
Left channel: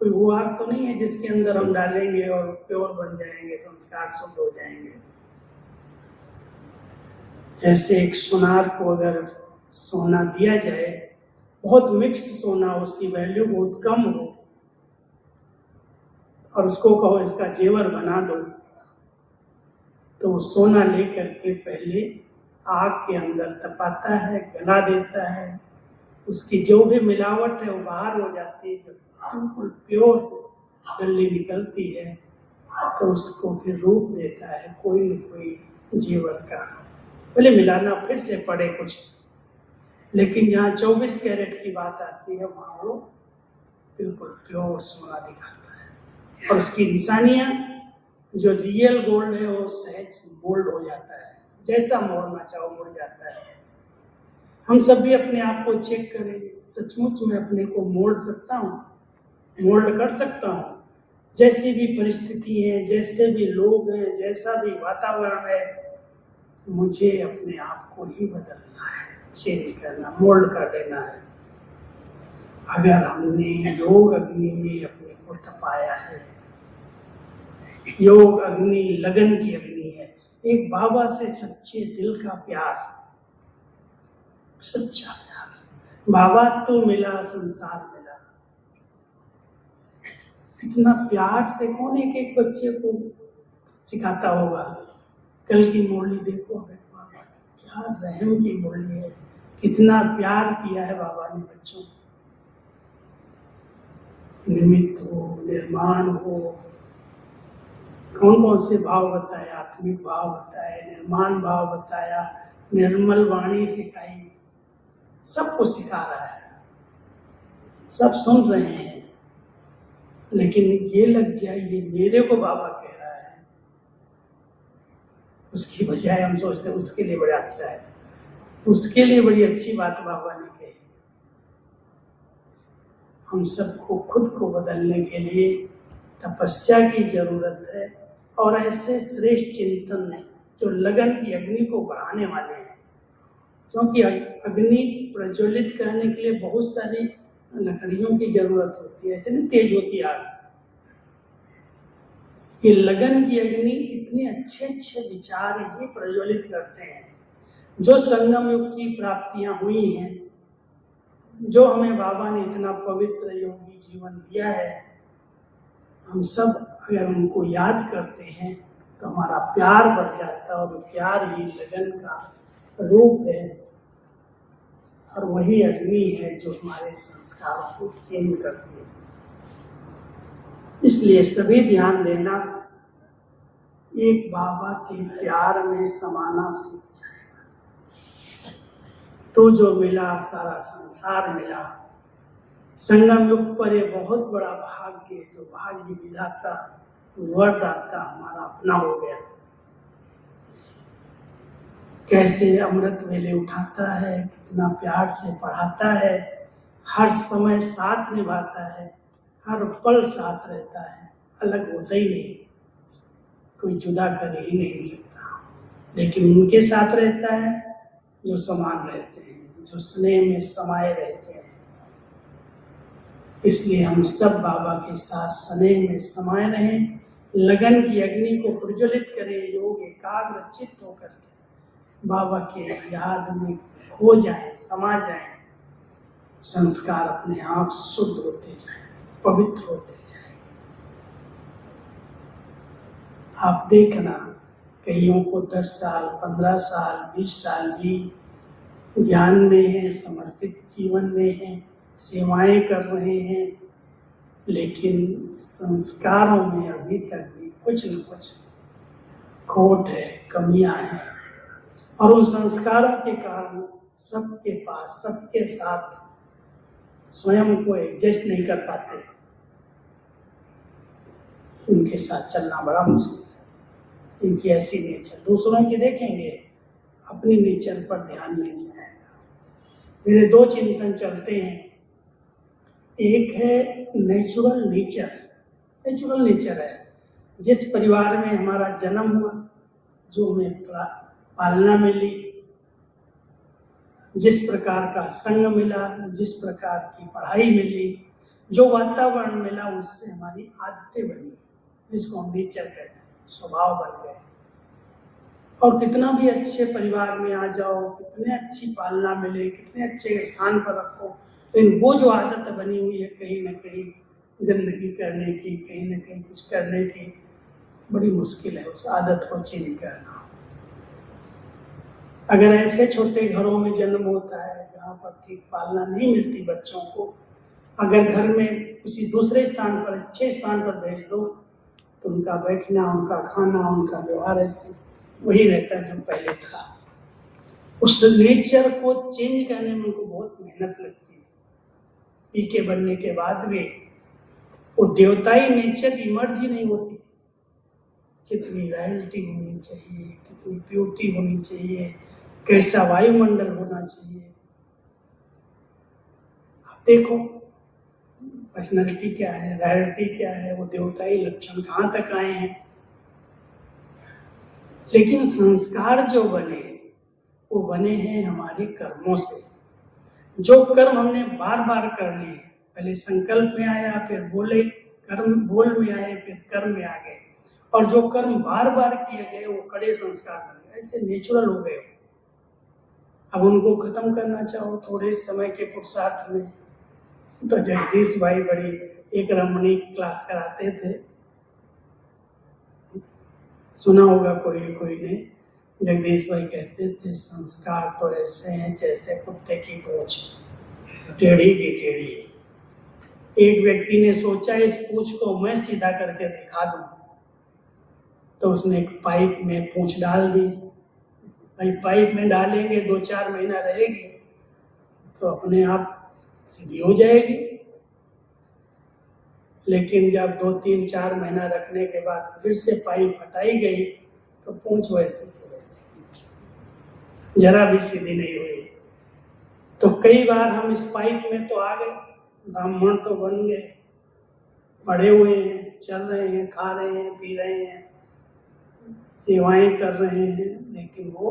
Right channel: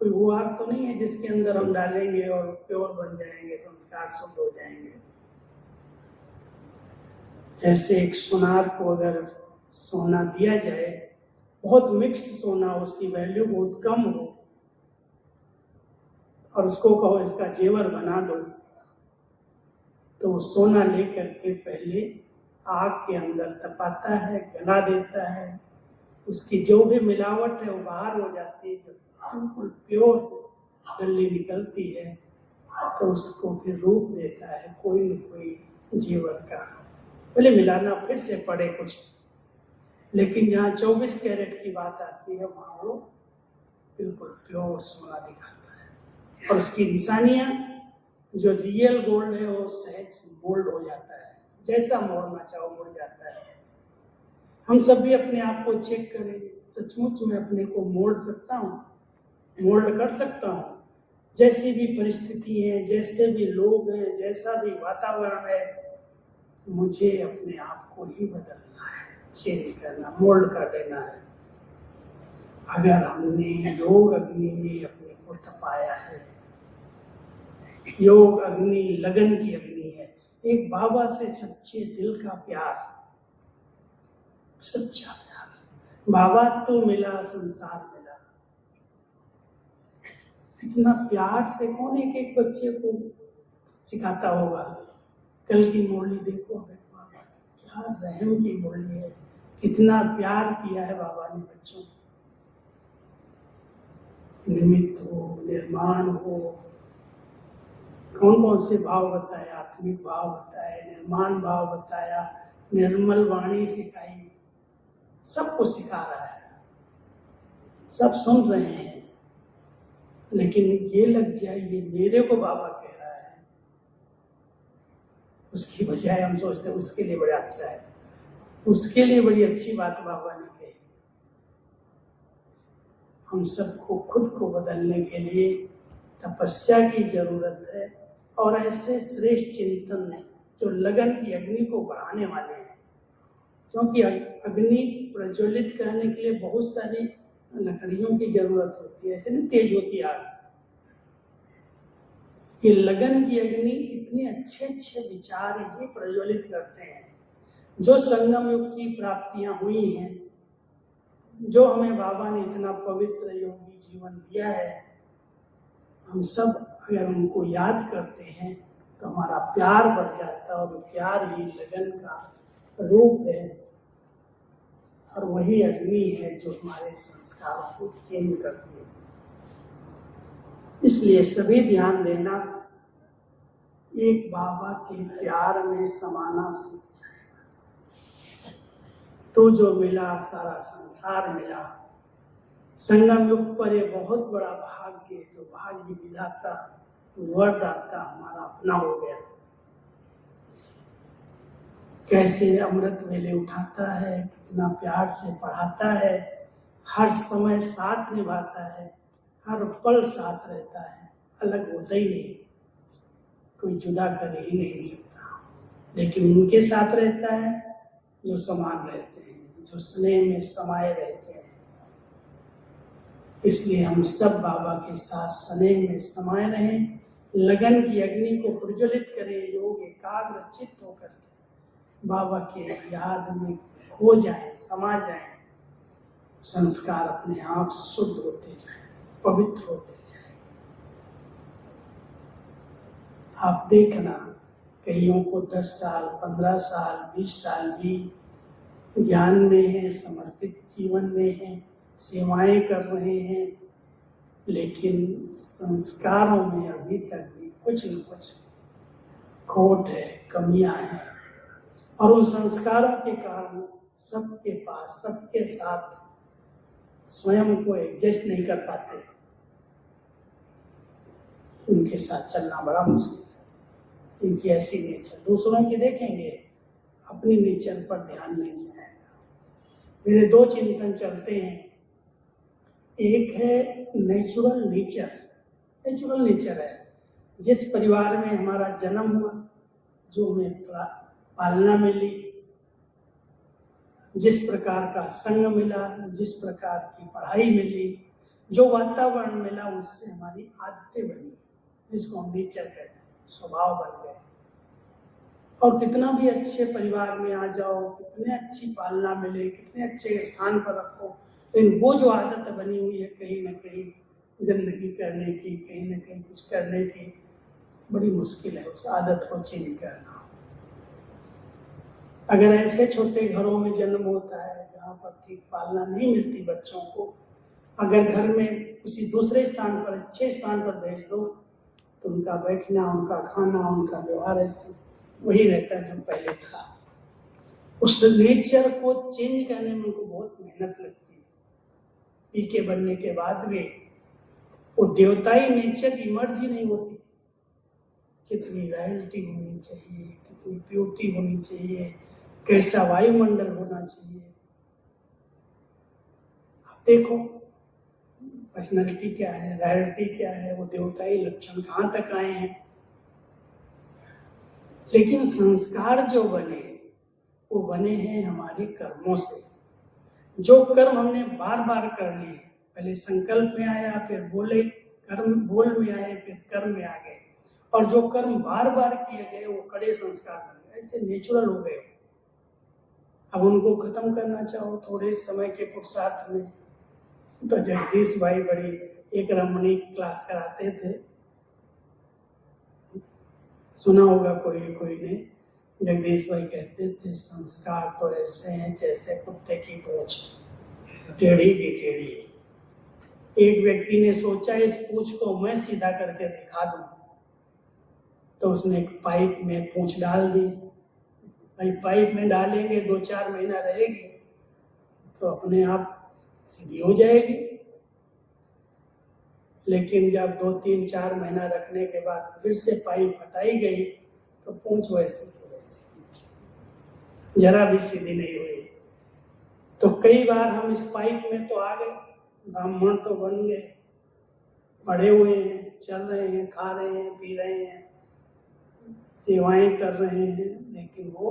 कोई वो आग तो नहीं है जिसके अंदर हम डालेंगे और प्योर बन जाएंगे, संस्कार शुद्ध हो जाएंगे। जैसे एक सुनार को अगर सोना दिया जाए, बहुत मिक्स सोना, उसकी वैल्यू बहुत कम हो, और उसको कहो इसका जेवर बना दो, तो वो सोना लेकर के पहले आग के अंदर तपाता है, गला देता है, उसकी जो भी मिलावट है वो बाहर हो जाती है। जब बिल्कुल प्योर गल्ली निकलती है तो उसको फिर रूप देता है कोई न कोई जेवर का, भले मिलाना फिर से पड़े कुछ। लेकिन जहाँ 24 कैरेट की बात आती है, वहाँ वो बिल्कुल प्योर सोना दिखाता है, और उसकी निशानियाँ, जो रियल गोल्ड है वो सहज मोल्ड हो जाता है, जैसा मोड़ना चाहो मुड़ जाता है। हम सब भी अपने आप को चेक करें, सचमुच में अपने को मोड़ सकता हूँ, मोल्ड कर सकता हूँ। जैसी भी परिस्थिति है, जैसे भी लोग हैं, जैसा भी वातावरण है, मुझे अपने आप को ही बदलना है, चेंज करना, मोल्ड कर देना है। अगर हमने योग अग्नि में अपने को तपाया है, योग अग्नि लगन की अग्नि है, एक बाबा से सच्चे दिल का प्यार, सच्चा प्यार। बाबा तो मिला, संसार मिला। इतना प्यार से कौन एक एक बच्चे को सिखाता होगा? कल की मुरली देखो, बाबा क्या रहम की मुरली है, कितना प्यार किया है बाबा ने बच्चों। निमित्त हो, निर्माण हो, कौन कौन से भाव बताए, आत्मिक भाव बताए, निर्माण भाव बताया, निर्मल वाणी सिखाई, सब कुछ सिखा रहा है, सब सुन रहे हैं। लेकिन ये लग जाए ये मेरे को बाबा कह रहा है, उसकी बजाय हम सोचते हैं उसके लिए बड़ा अच्छा है, उसके लिए बड़ी अच्छी बात बाबा ने कही। हम सबको खुद को बदलने के लिए तपस्या की जरूरत है, और ऐसे श्रेष्ठ चिंतन जो लगन की अग्नि को बढ़ाने वाले हैं। क्योंकि अग्नि प्रज्वलित करने के लिए बहुत सारी लकड़ियों की जरूरत होती है, ऐसे नहीं तेज होती आग। ये लगन की अग्नि इतने अच्छे अच्छे विचार ही प्रज्वलित करते हैं। जो संगम युग की प्राप्तियां हुई हैं, जो हमें बाबा ने इतना पवित्र योगी जीवन दिया है, हम सब अगर उनको याद करते हैं तो हमारा प्यार बढ़ जाता है, और प्यार ही लगन का रूप है, और वही अग्नि है जो हमारे संस्कारों को चेंज करती है। इसलिए सभी ध्यान देना, एक बाबा के प्यार में समाना सीख जाए, तो जो मिला सारा संसार मिला। संगम युग पर एक बहुत बड़ा भाग्य, जो भाग्य विधाता वरदाता हमारा अपना हो गया। कैसे अमृत वेले उठाता है, कितना प्यार से पढ़ाता है, हर समय साथ निभाता है, हर पल साथ रहता है, अलग होता ही नहीं। कोई जुदा कर ही नहीं सकता, लेकिन उनके साथ रहता है जो समान रहते हैं, जो स्नेह में समाये रहते हैं। इसलिए हम सब बाबा के साथ स्नेह में समाये रहें, लगन की अग्नि को प्रज्वलित करें, योग एकाग्र चित्त होकर बाबा के याद में खो जाए, समा जाए, संस्कार अपने आप शुद्ध होते जाए, पवित्र होते जाए। आप देखना, कईयों को 10 साल, 15 साल, 20 साल भी ज्ञान में है, समर्पित जीवन में है, सेवाएं कर रहे हैं, लेकिन संस्कारों में अभी तक भी कुछ न कुछ खोट है, कमियां हैं, और उन संस्कारों के कारण सबके पास, सबके साथ स्वयं को एडजस्ट नहीं कर पाते, उनके साथ चलना बड़ा मुश्किल है। इनकी ऐसी नेचर, दूसरों की देखेंगे, अपनी नेचर पर ध्यान नहीं जाएगा। मेरे 2 चिंतन चलते हैं, एक है नेचुरल नेचर। नेचुरल नेचर है जिस परिवार में हमारा जन्म हुआ, जो हमें पालना मिली, जिस प्रकार का संग मिला, जिस प्रकार की पढ़ाई मिली, जो वातावरण मिला, उससे हमारी आदतें बनी, जिसको हम नेचर कहते हैं, स्वभाव बन गए। और कितना भी अच्छे परिवार में आ जाओ, कितने अच्छी पालना मिले, कितने अच्छे स्थान पर रखो, लेकिन वो जो आदत बनी हुई है कहीं न कहीं गंदगी करने की, कहीं न कहीं कुछ करने की, बड़ी मुश्किल है उस आदत को चेंज करना। अगर ऐसे छोटे घरों में जन्म होता है जहाँ पर ठीक पालना नहीं मिलती बच्चों को, अगर घर में किसी दूसरे स्थान पर, अच्छे स्थान पर भेज दो, तो उनका बैठना, उनका खाना, उनका व्यवहार ऐसे वही रहता है जो पहले था। उस नेचर को चेंज करने में उनको बहुत मेहनत लगती है। पीके बनने के बाद भी वो देवताई नेचर इमर्ज ही नहीं होती। कितनी रॉयल्टी होनी चाहिए, कितनी प्योरिटी होनी चाहिए, कैसा वायुमंडल होना चाहिए। आप देखो पर्सनैलिटी क्या है, रॉयल्टी क्या है, वो देवताई लक्षण कहाँ तक आए हैं। लेकिन संस्कार जो बने, वो बने हैं हमारे कर्मों से। जो कर्म हमने बार बार कर लिए, पहले संकल्प में आया, फिर बोले, कर्म बोल में आए, फिर कर्म में आ गए, और जो कर्म बार बार किए गए वो कड़े संस्कार बन गए, ऐसे नेचुरल हो गए। अब उनको खत्म करना चाहो थोड़े समय के पुरुषार्थ में, तो जगदीश भाई बड़ी एक रमणीक क्लास कराते थे, सुना होगा कोई ने। जगदीश भाई कहते थे, संस्कार तो ऐसे हैं जैसे कुत्ते की पूंछ, टेढ़ी की टेढ़ी। एक व्यक्ति ने सोचा इस पूंछ को मैं सीधा करके दिखा दूं, तो उसने एक पाइप में पूंछ डाल दी। भाई पाइप में डालेंगे 2-4 महीना रहेगी तो अपने आप सीधी हो जाएगी, लेकिन जब 2-3-4 महीना रखने के बाद फिर से पाइप हटाई गई तो पूंछ वैसी जरा भी सीधी नहीं हुई। तो कई बार हम इस पाइप में तो आ गए, ब्राह्मण तो बन गए, पढ़े हुए हैं, चल रहे हैं, खा रहे हैं, पी रहे हैं, सेवाएं कर रहे हैं, लेकिन वो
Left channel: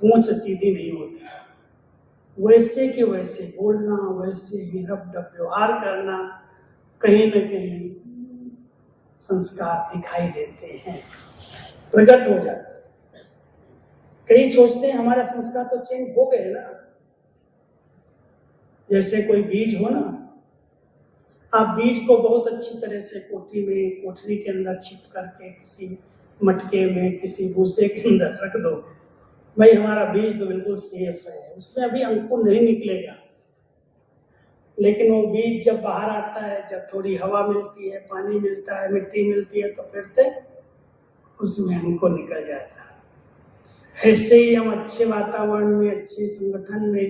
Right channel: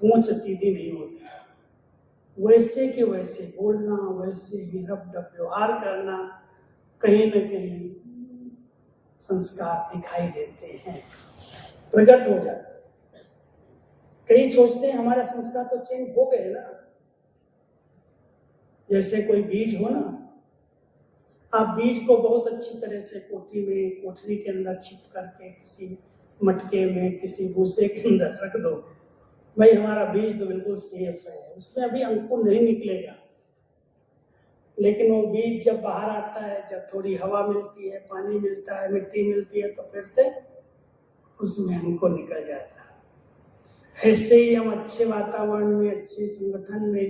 पूंछ सीधी नहीं होती। वैसे के वैसे बोलना, वैसे ही रब-डब व्यवहार करना, कहीं न कहीं संस्कार दिखाई देते हैं, प्रकट हो जाते। कई सोचते हैं हमारा संस्कार तो चेंज हो गए ना। जैसे कोई बीज हो ना, आप बीज को बहुत अच्छी तरह से कोठरी के अंदर छिप करके किसी मटके में, किसी भूसे के अंदर रख दो, भाई हमारा बीज तो बिल्कुल सेफ है, उसमें अभी अंकुर नहीं निकलेगा। लेकिन वो बीज जब बाहर आता है, जब थोड़ी हवा मिलती है, पानी मिलता है, मिट्टी मिलती है, तो फिर से उसमें अंकुर निकल जाता है। ऐसे ही हम अच्छे वातावरण में, अच्छे संगठन में,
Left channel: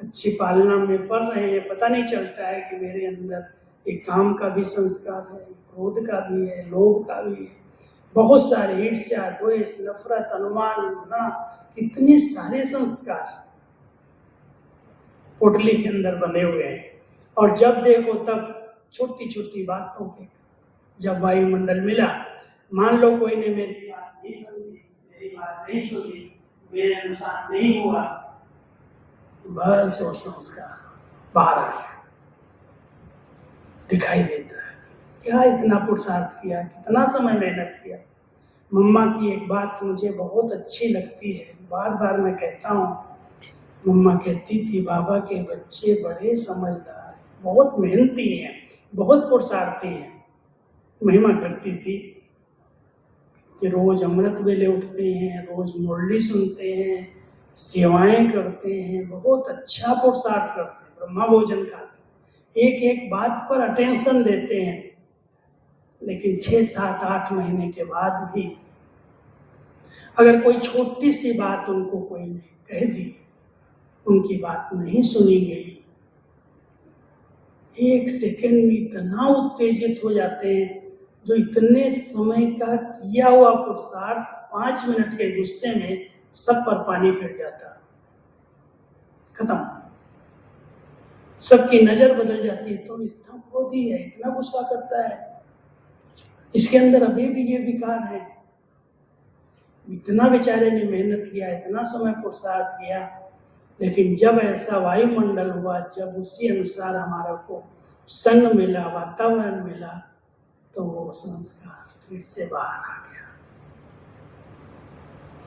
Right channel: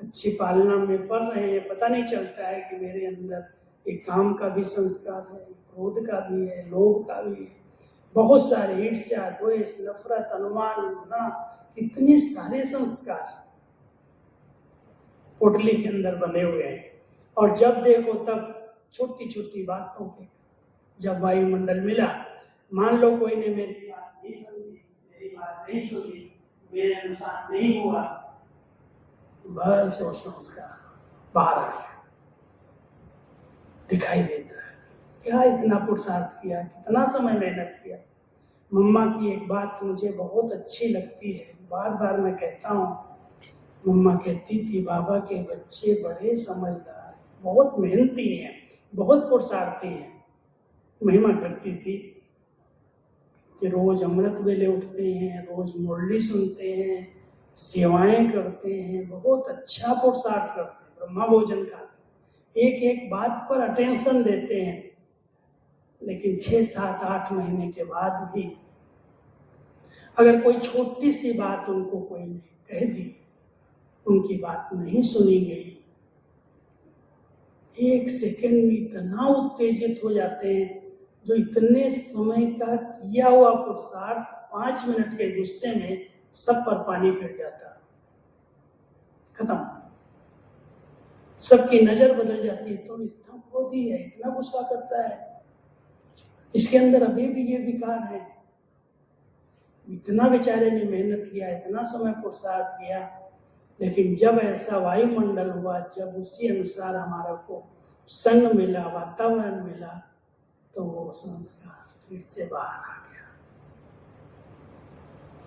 अच्छी पालना में पढ़ रहे हैं, पता नहीं चलता है कि मेरे अंदर एक काम का भी संस्कार है, क्रोध का भी है, लोभ का भी है, बहुत सारे ईर्ष्या, द्वेष, नफरत, अनुमान, घृणा, इतने सारे संस्कार पोटली के अंदर बंधे हुए हैं। और जब देखो तब छोटी छोटी बातों के, जब वायुमंडल मिला मान लो कोई ने मेरी बात नहीं समझी, मेरी बात नहीं सुनी, मेरे अनुसार नहीं हुआ, बस वो संस्कार बाहर आ गया, दिखाई देता है क्या इतना पुरुषार्थ किया, कितना समय मेहनत किया। मम्मा की एक बात मुझे बहुत अच्छी लगती है, बार बार मैं कहता हूँ। मम्मा कहती थी बाबा के बच्चे बड़े समझदार हैं, बहुत मेहनती हैं, बहुत पुरुषार्थी हैं। महिमा करती थी कि रोज अमृत वेले उठते हैं, रोज मुरली सुनते हैं, सेवाएं करते हैं, बहुत अच्छा पुरुषार्थ करते हैं, ब्रह्मा भोजन खाते हैं, एक एक बात पर अटेंशन देते हैं। लेकिन 6, 7, 8 महीने के बाद भी अगर कोई छोटी सी बात उनको कोई ने कह दी, उनकी बात नहीं सुनी गई, 1 सेकंड में इतना उत्तेजित हो जाते हैं, जो इतने समय का किया हुआ पुरुषार्थ 5 मिनट के गुस्से में सब पर पानी फिर जाता, खत्म, सबकी नजर बदल जाती है। तो इतना क्रोधी है, इतना गुस्सा करता है, इसके अंदर अभी भी ये विकार है। इतना बेचारे ने मेहनत किया, इतना समय पुरुषार्थ किया, लेकिन जब ऐसा वायुमंडल हुआ, जब उसी अनुसार हमारा को संग मिला, वातावरण मिला, तो वो संस्कार फिर से बाहर आ गया।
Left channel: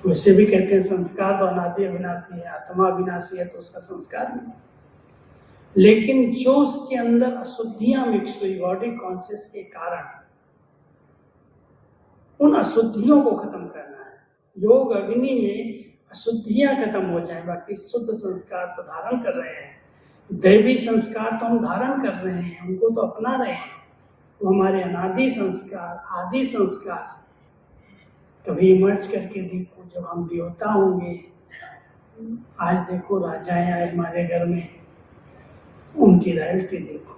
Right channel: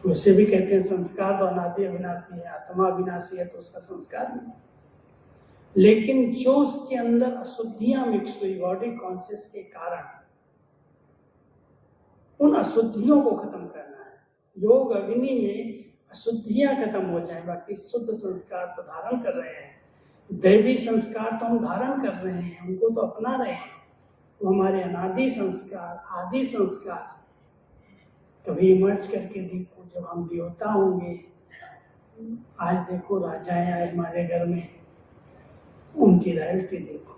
वैसे भी कहते हैं संस्कार तो अनादि अविनाशी है, आत्मा अविनाशी है, तो उसका संस्कार नहीं। लेकिन जो उसके अंदर अशुद्धियां मिक्स हुई बॉडी कॉन्शियस के कारण, उन अशुद्धियों को खत्म करना है। योग अग्नि में अशुद्धियां खत्म हो जाए, बाकी शुद्ध संस्कार तो धारण कर रहे हैं, दैवी संस्कार तो हम धारण कर रहे हैं, उनको तो अपना रहे हैं। वो हमारे अनादि संस्कार, आदि संस्कार, कभी मर्ज करके देखो, जब हम देवता होंगे, आज देखो राजाएं आए हमारे घर में, उनकी रॉयल्टी देखो,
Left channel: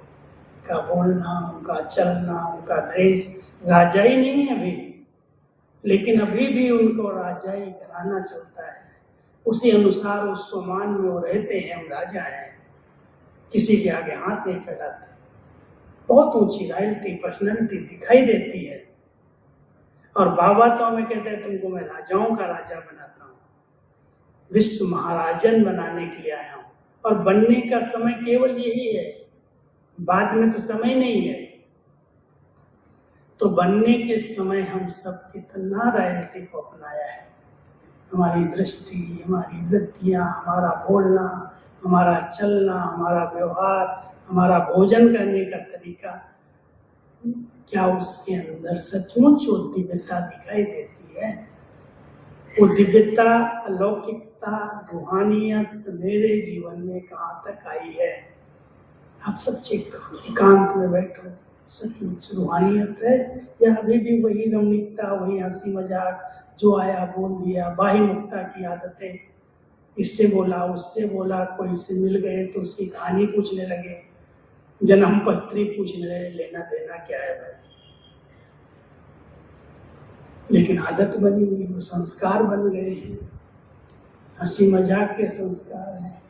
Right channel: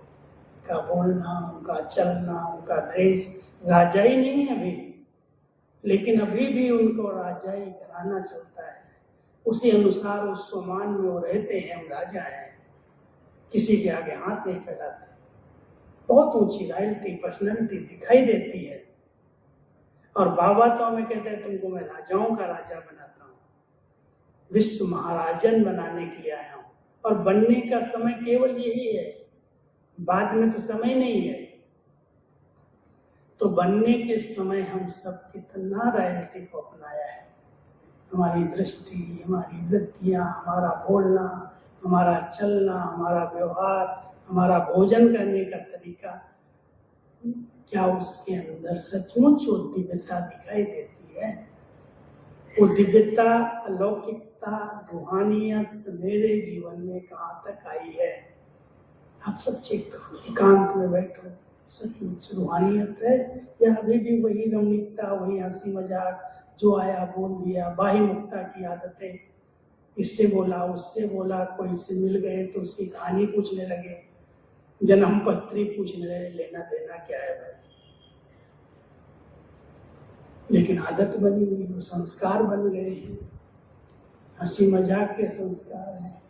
उनका बोलना, उनका चलना, उनका ड्रेस, राजा ही नहीं है अभी, लेकिन अभी भी उनको राजाई घराना चलता है, उसी अनुसार उस सम्मान में वो रहते हैं, हम राजा हैं, किसी के आगे हाथ नहीं फैलाते, बहुत ऊंची रॉयल्टी, पर्सनैलिटी दिखाई देती है। और बाबा तो हमें कहते हैं तुमको मैं राजाओं का राजा बनाता हूँ, विश्व महाराजन बनाने के लिए आया हूँ, और बनने का समय केवल यही है, बाद में तो समय नहीं है। तो बनने के समय हम सब कितना रॉयल्टी को अपनाया है, हमारी दृष्टि, हमारी वृत्तियाँ, हमारा बोलना, हमारा चलना, हमारा व्यवहार, हमारा भोजन करने का तरीका, क्या उसके अंदर सचमुच वो दिव्यता दिखाई देती है? वो दिव्यता, अलौकिकता, रूहानियत मेरे जीवन में कहाँ तक आई है? आप सच्चे एकांत में बैठो, सचमुच रूहानियत है या अभी भी वही रमणीकता, वही हंसी मजाक, जो आया बोल दिया, बाह्यमुखता की आदतें, इससे बोला उससे बोला, कोई से मिल गए तो उसकी कहानी पूछने लगे, जन्म पत्री पूछने लगे, लेना देना क्या है भाई? लेकिन आदत बनी हुई, वो संस्कार बन गए हैं, हंसी मजाक के संस्कार हैं,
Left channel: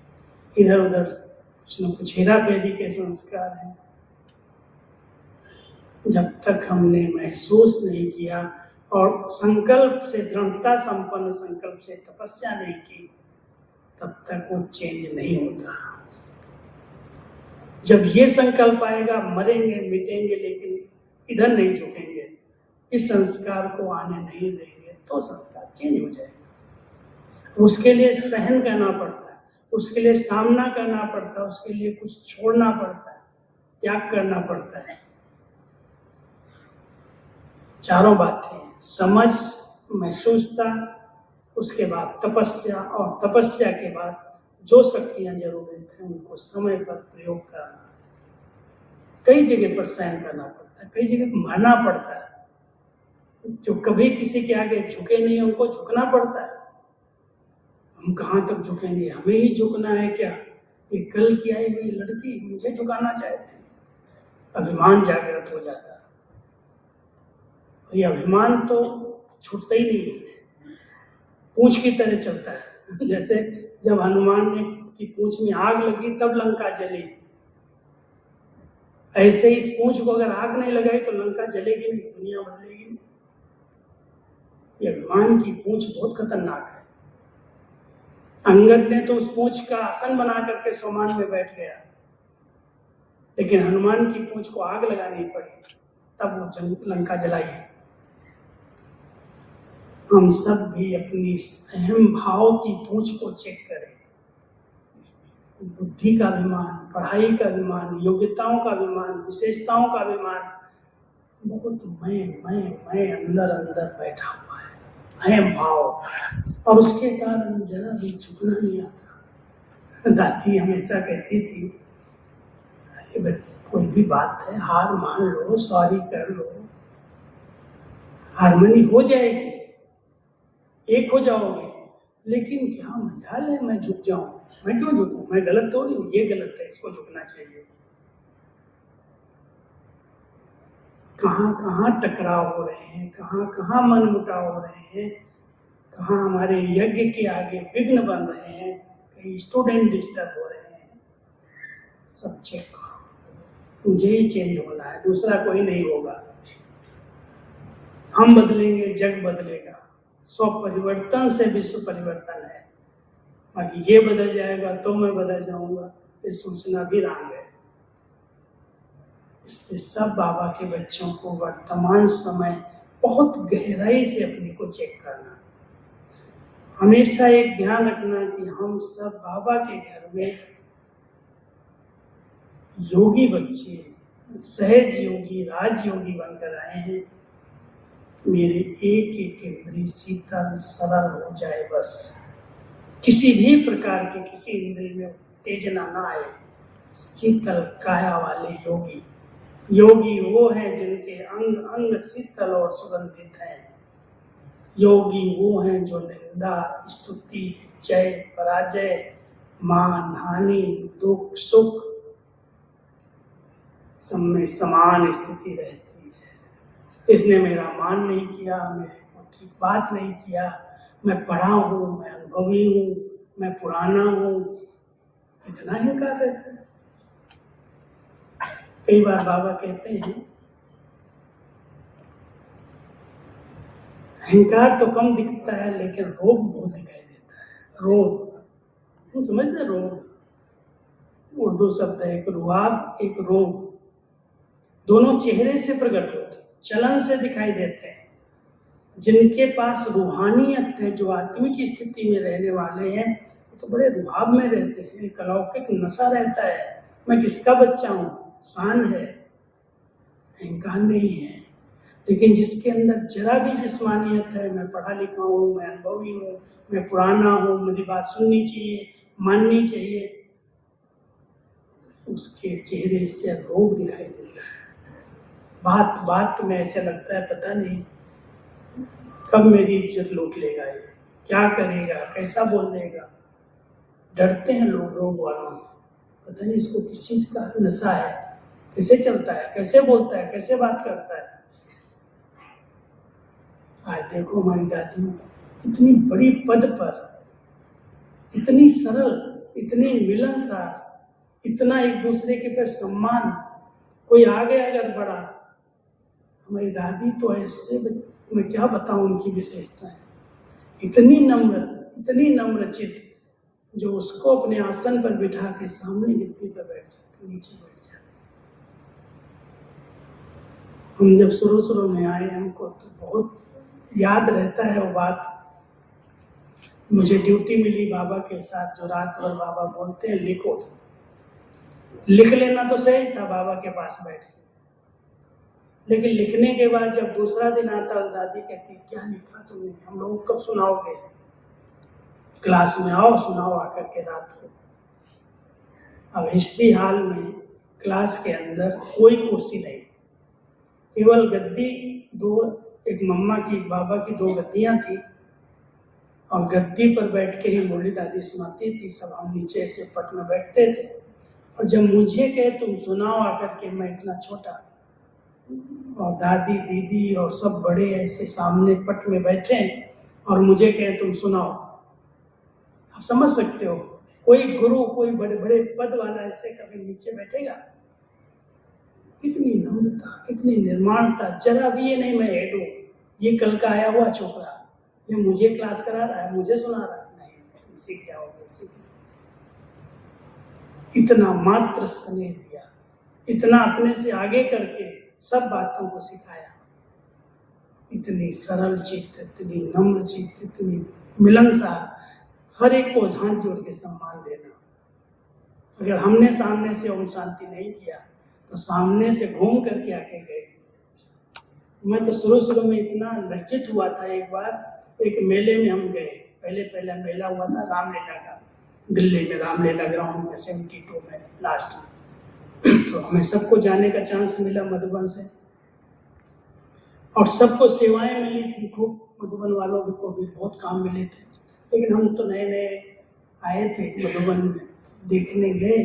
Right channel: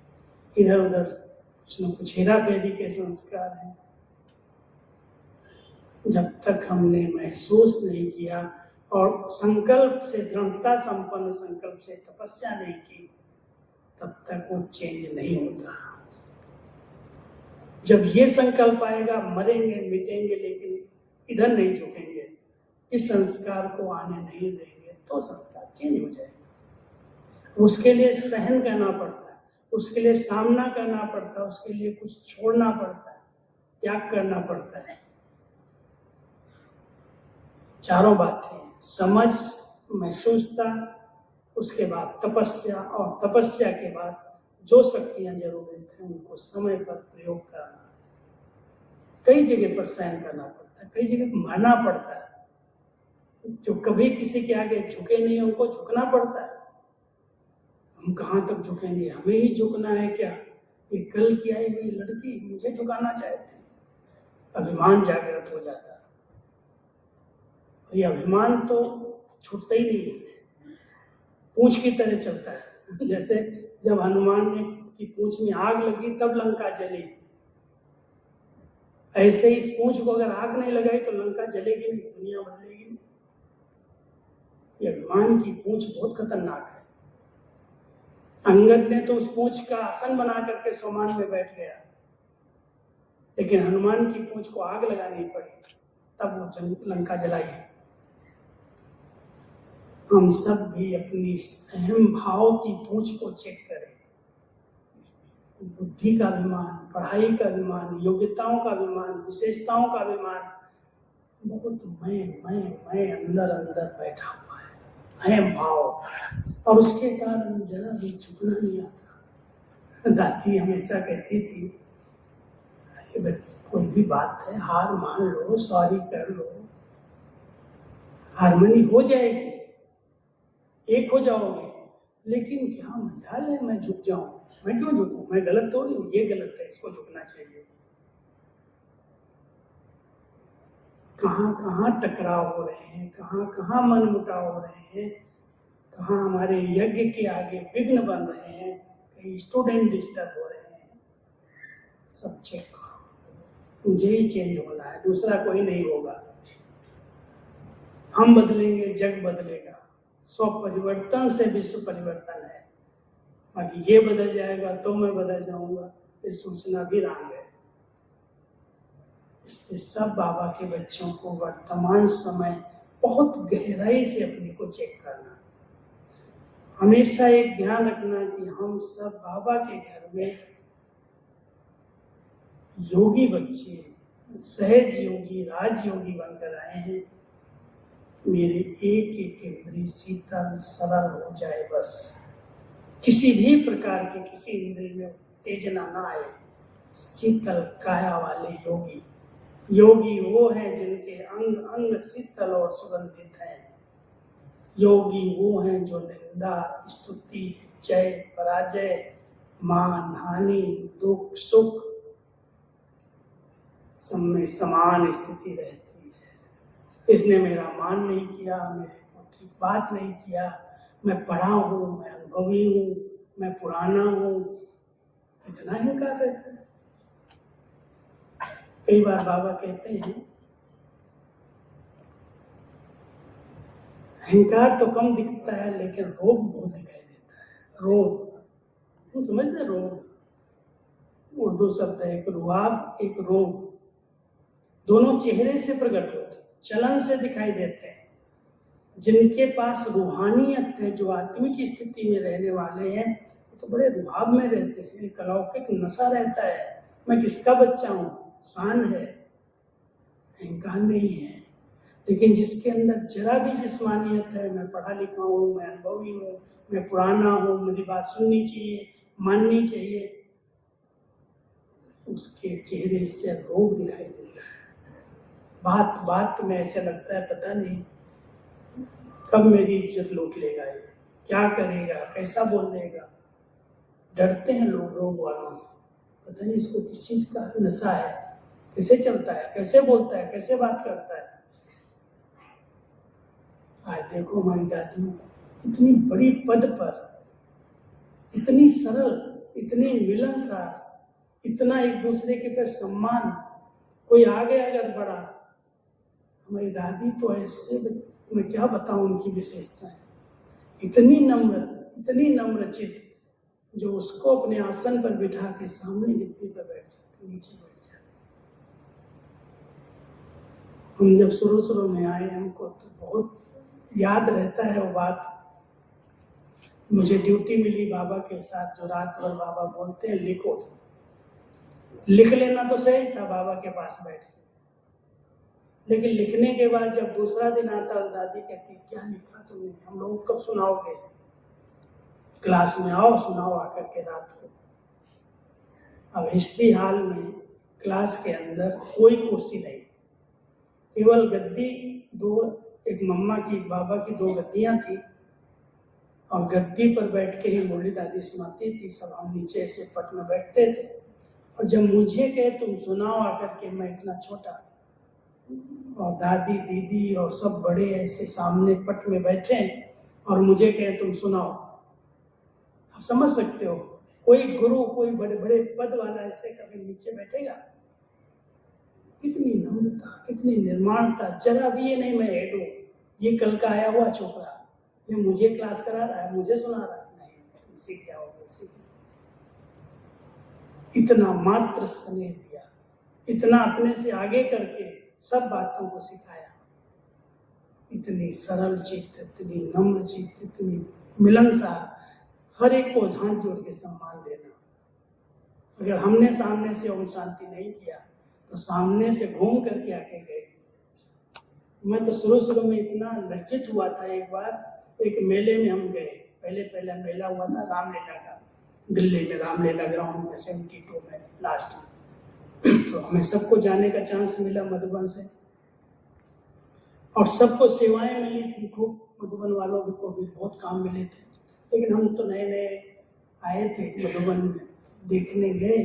इधर उधर कुछ न कुछ हेरा फेरी के संस्कार हैं। जब तक हमने महसूस नहीं किया और संकल्प से, दृढ़ता संपन्न संकल्प से तपस्या नहीं की, तब तक वो चेंज नहीं होता। जब ये संकल्प आएगा मरेंगे मिटेंगे लेकिन इधर नहीं झुकेंगे, इस संस्कार को आने नहीं देंगे, तो संस्कार चेंज हो जाएगा। उसके लिए सहन करना पड़ता है, उसके लिए सामना करना पड़ता है, उसके लिए कुछ छोड़ना पड़ता है, त्याग करना पड़ता है। चारों बातें, समझ, महसूसता, उसके बाद तपस्या, और तपस्या के बाद जो शक्तियां जरूरत है उनको समय पर प्रयोग करना। कई जगह पर सहन करना पड़ता है, कई जगह मरना पड़ता है। जो कभी किसी के आगे झुके नहीं उनको झुकना पड़ता है। हम कहाँ तक झुकेंगे? हमें ही झुकना है क्या? ये कल की आई हुई लड़की मुझे झुकाना चाहती, अभिमान जागृत हो जाता है। ये अभिमान तो छूटता ही नहीं है, पूंछ की तरह चलता है। जैसे जब हनुमान ने की पूंछ में आग लगी तब लंका जली, ऐसे ही इस पूंछ को अगर आग नहीं लगाई तो लंका जलेगी नहीं, दुनिया बदलेगी नहीं। ये अभिमान की पूंछ बहुत खतरनाक है। अंगद ने तो उस पूंछ का आसन बना करके सोमान में बैठ गया, लेकिन हनुमान की पूंछ को आग लगानी पड़ी, तब वो लंका जलाई। हम सब भी अपनी अहम भाव की पूंछ को चेक करें। बुद्धि का अभिमान, पढ़ाई का अभिमान, योग्यताओं का अभिमान, विशेषताओं का अभिमान, बहुत मैं अंदर अंदर बैठा हुआ है, अहम भाव, और उसके कारण जरा भी झुकना नहीं आता। दादी हमेशा कहती थी, अरे बच्चे कोई भी बात है हार मान लो, सॉरी कर लो, हारमोनी हो जाएगी, एक हो जाओगे। लेकिन क्या मजाल है मैं झुक जाऊं? मैं क्यों झुकूं? मैं गलत थोड़ी हूं, ये गलत है, इसको झुकना चाहिए। कहाँ कहाँ टकराव हो रहे हैं, कहाँ कहाँ मन मुटाव हो रहे हैं, कहाँ हमारे यज्ञ के आगे विघ्न बन रहे हैं, कहीं स्टूडेंट डिस्टर्ब हो रहे हैं। सब चेक करो। मुझे ही चेंज होना है, दूसरा कोई नहीं होगा। हम बदलेंगे, जग बदलेगा। स्व परिवर्तन से विश्व परिवर्तन है। बाकी ये बदल जाएगा तो मैं बदल जाऊंगा, ये सोचना भी रंग है। इसलिए सब बाबा के बच्चों को वर्तमान समय बहुत गहराई से अपने को चेक करना, हमेशा एक ध्यान रखना कि हम सब बाबा के घर में योगी बच्चे, सहज योगी, राजयोगी बनकर आए हैं। मेरे एक एक इंद्रिय शीतल सरल हो जाए, बस किसी भी प्रकार के किसी इंद्रिय में उत्तेजना ना आए। शीतल काया वाले योगी, योगी वो हैं जिनके अंग अंग शीतल और सुगंधित हैं। योगी वो हैं जो निंदा, स्तुति, जय, पराजय, मान, हानि, दुख, सुख सब में समान स्थिति रहती है। इसने मेरा मान नहीं किया, मेरे को ठीक बात नहीं किया, मैं पढ़ा हूँ, मैं अनुभवी हूँ, मैं पुराना हूँ, इतना अहंकार रहता है। कई बार बाबा कहते हैं अहंकार तो कम दिखता है लेकिन रोग बहुत दिखाई देता है। रोग, तुम समझते? रोग उर्दू शब्द है, एक रुआब, एक रोग, दोनों चेहरे से प्रकट होते, चलन से दिखाई देते हैं। जिनके पास रूहानियत है, जो आत्मिक स्थिति में रहने वाले हैं, तो बड़े रुहाब में रहते हैं, एक अलौकिक नशा रहता है। मैं किसका बच्चा हूँ, शान है, अहंकार नहीं है। लेकिन जिसके अंदर जरा भी जिस्मानियत है, मैं पढ़ा लिखा हूँ, मैं अनुभवी हूँ, मैं पुराना हूँ, मेरी बात सुननी चाहिए, माननी चाहिए, उसके चेहरे से रोग दिखाई देता है। बात बात में ऐसा लगता है पता नहीं कब मेरी इज्जत लूट लेगा, ये क्या करेगा, कैसा बोल देगा। डरते हैं लोग रोग वालों से, पता नहीं इसको किस चीज का नशा है, कैसे चलता है, कैसे बोलता है, कैसे बात करता है। आज देखो हमारी दादी इतनी बड़ी पद पर, इतनी सरल, इतनी मिलनसार, इतना एक दूसरे के पे सम्मान, कोई आ गया अगर बड़ा, हमारी दादी तो ऐसे, मैं क्या बताऊं उनकी विशेषताएं, इतनी नम्र चित्त, जो उसको अपने आसन पर बिठा के सामने गद्दी पर बैठ जाते, नीचे बैठ जाते। हम जब शुरू में आए, हमको तो बहुत याद रहता है वो बात। मुझे ड्यूटी मिली बाबा के साथ, जो रात भर बाबा बोलते हैं लिखो, लिख लेना तो सहज था बाबा के पास बैठ के, लेकिन लिखने के बाद जब दूसरा दिन आता, दादी कहती क्या लिखा तुमने, हम लोग कब सुनाओगे, क्लास में आओ सुनाओ आकर के रात को। अब हिस्ट्री हॉल में क्लास के अंदर कोई कुर्सी नहीं, केवल गद्दी दो, एक मम्मा की एक बाबा की दो गद्दियां थी, और गद्दी पर बैठ के ही मुरली दादी सुनाती थी, सब हम नीचे से पट में बैठते थे। और जब मुझे कहे तुम सुनाओ आकर के, मैं इतना छोटा, और दादी दीदी और सब बड़े ऐसे सामने पट में बैठे, और मुझे कहे तुम सुनाओ, आप समझ सकते हो कोई गुरु, कोई बड़े बड़े पद वाला ऐसे कभी नीचे बैठेगा? कितनी नम्रता, कितनी निर्माणता, जरा भी ये नहीं मैं हेडू, ये कल का आया हुआ छोकरा, ये मुझे क्लास करा रहा है, मुझे सुना रहा है, नहीं, तुम सीख जाओगे, सीख। इतना मात्र स्नेह दिया, इतना अपने से आगे करके सब बातों को सिखाया। इतनी सरल चित्त, इतनी नम्र चित्त, इतनी मिलनसार, हर एक को हाथ जोड़ के सम्मान देना। अगर हमने सामने से ओम शांति नहीं किया तो सामने से घूम करके आके गए। मैं तो शुरू में इतना लज्जित हुआ था। एक बार एक मेले में हम गए, पहला मेला हुआ था रामलीला का, दिल्ली में रामलीला ग्राउंड में 72 में लास्ट में। तो हमें सबको जाने का चांस मिला मधुबन से, और सबको सेवाएं मिली थी खूब, मधुबन वालों को भी बहुत काम मिले थे। लेकिन हम तो नए नए आए थे मधुबन में, देखने गए,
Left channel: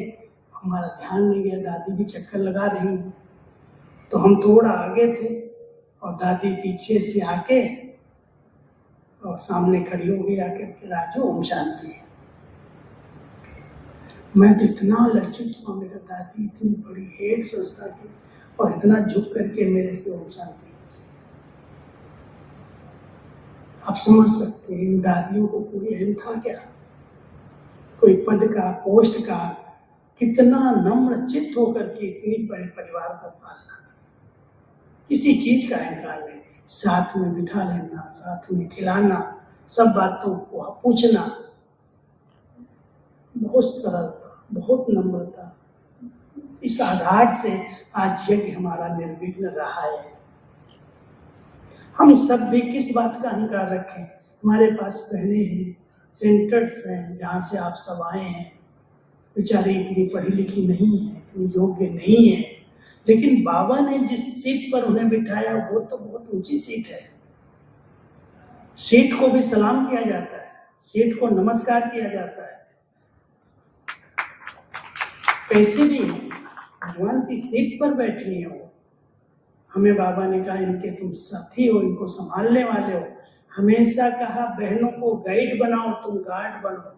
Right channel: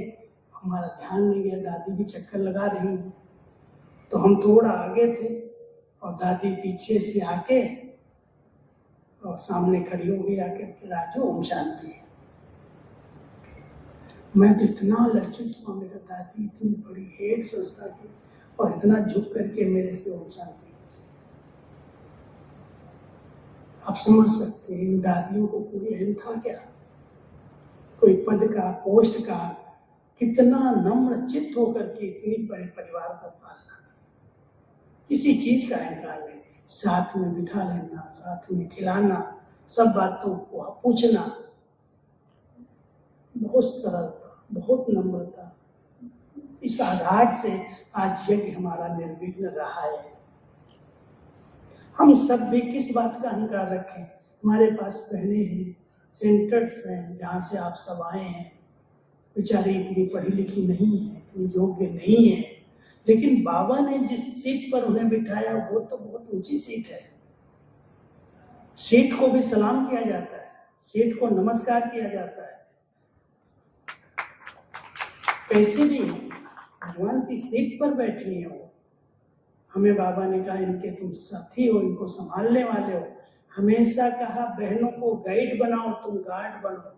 हमारा ध्यान नहीं गया, दादी भी चक्कर लगा रही है, तो हम थोड़ा आगे थे और दादी पीछे से आके और सामने खड़ी हो गई आके कि राजू ओम शांति है। मैं तो इतना लज्जित हुआ, मेरा दादी इतनी बड़ी हेड संस्था की और इतना झुक करके मेरे से ओम शांति। आप समझ सकते हैं इन दादियों को कोई अहम था क्या, कोई पद का, पोस्ट का, कितना नम्र चित्त होकर के इतनी बड़े परिवार को पालना, किसी चीज का अहंकार नहीं, साथ में बिठा लेना, साथ में खिलाना, सब बातों को पूछना, बहुत सरलता, बहुत नम्रता। इस आधार से आज यज्ञ हमारा निर्विघ्न रहा है। हम सब भी किस बात का अहंकार रखें, हमारे पास बहनें हैं, सेंटर्स हैं जहाँ से आप सब आए हैं, बेचारे इतनी पढ़ी लिखी नहीं है, इतनी योग्य नहीं है, लेकिन बाबा ने जिस सीट पर उन्हें बिठाया वो तो बहुत ऊंची सीट है। सीट को भी सलाम किया जाता है, सीट को नमस्कार किया जाता है। कैसे भी भगवान की सीट पर बैठी हो, हमें बाबा ने कहा इनके तुम साथी हो, इनको संभालने वाले हो। हमेशा कहा बहनों को गाइड बनाओ, तुम गार्ड बनो।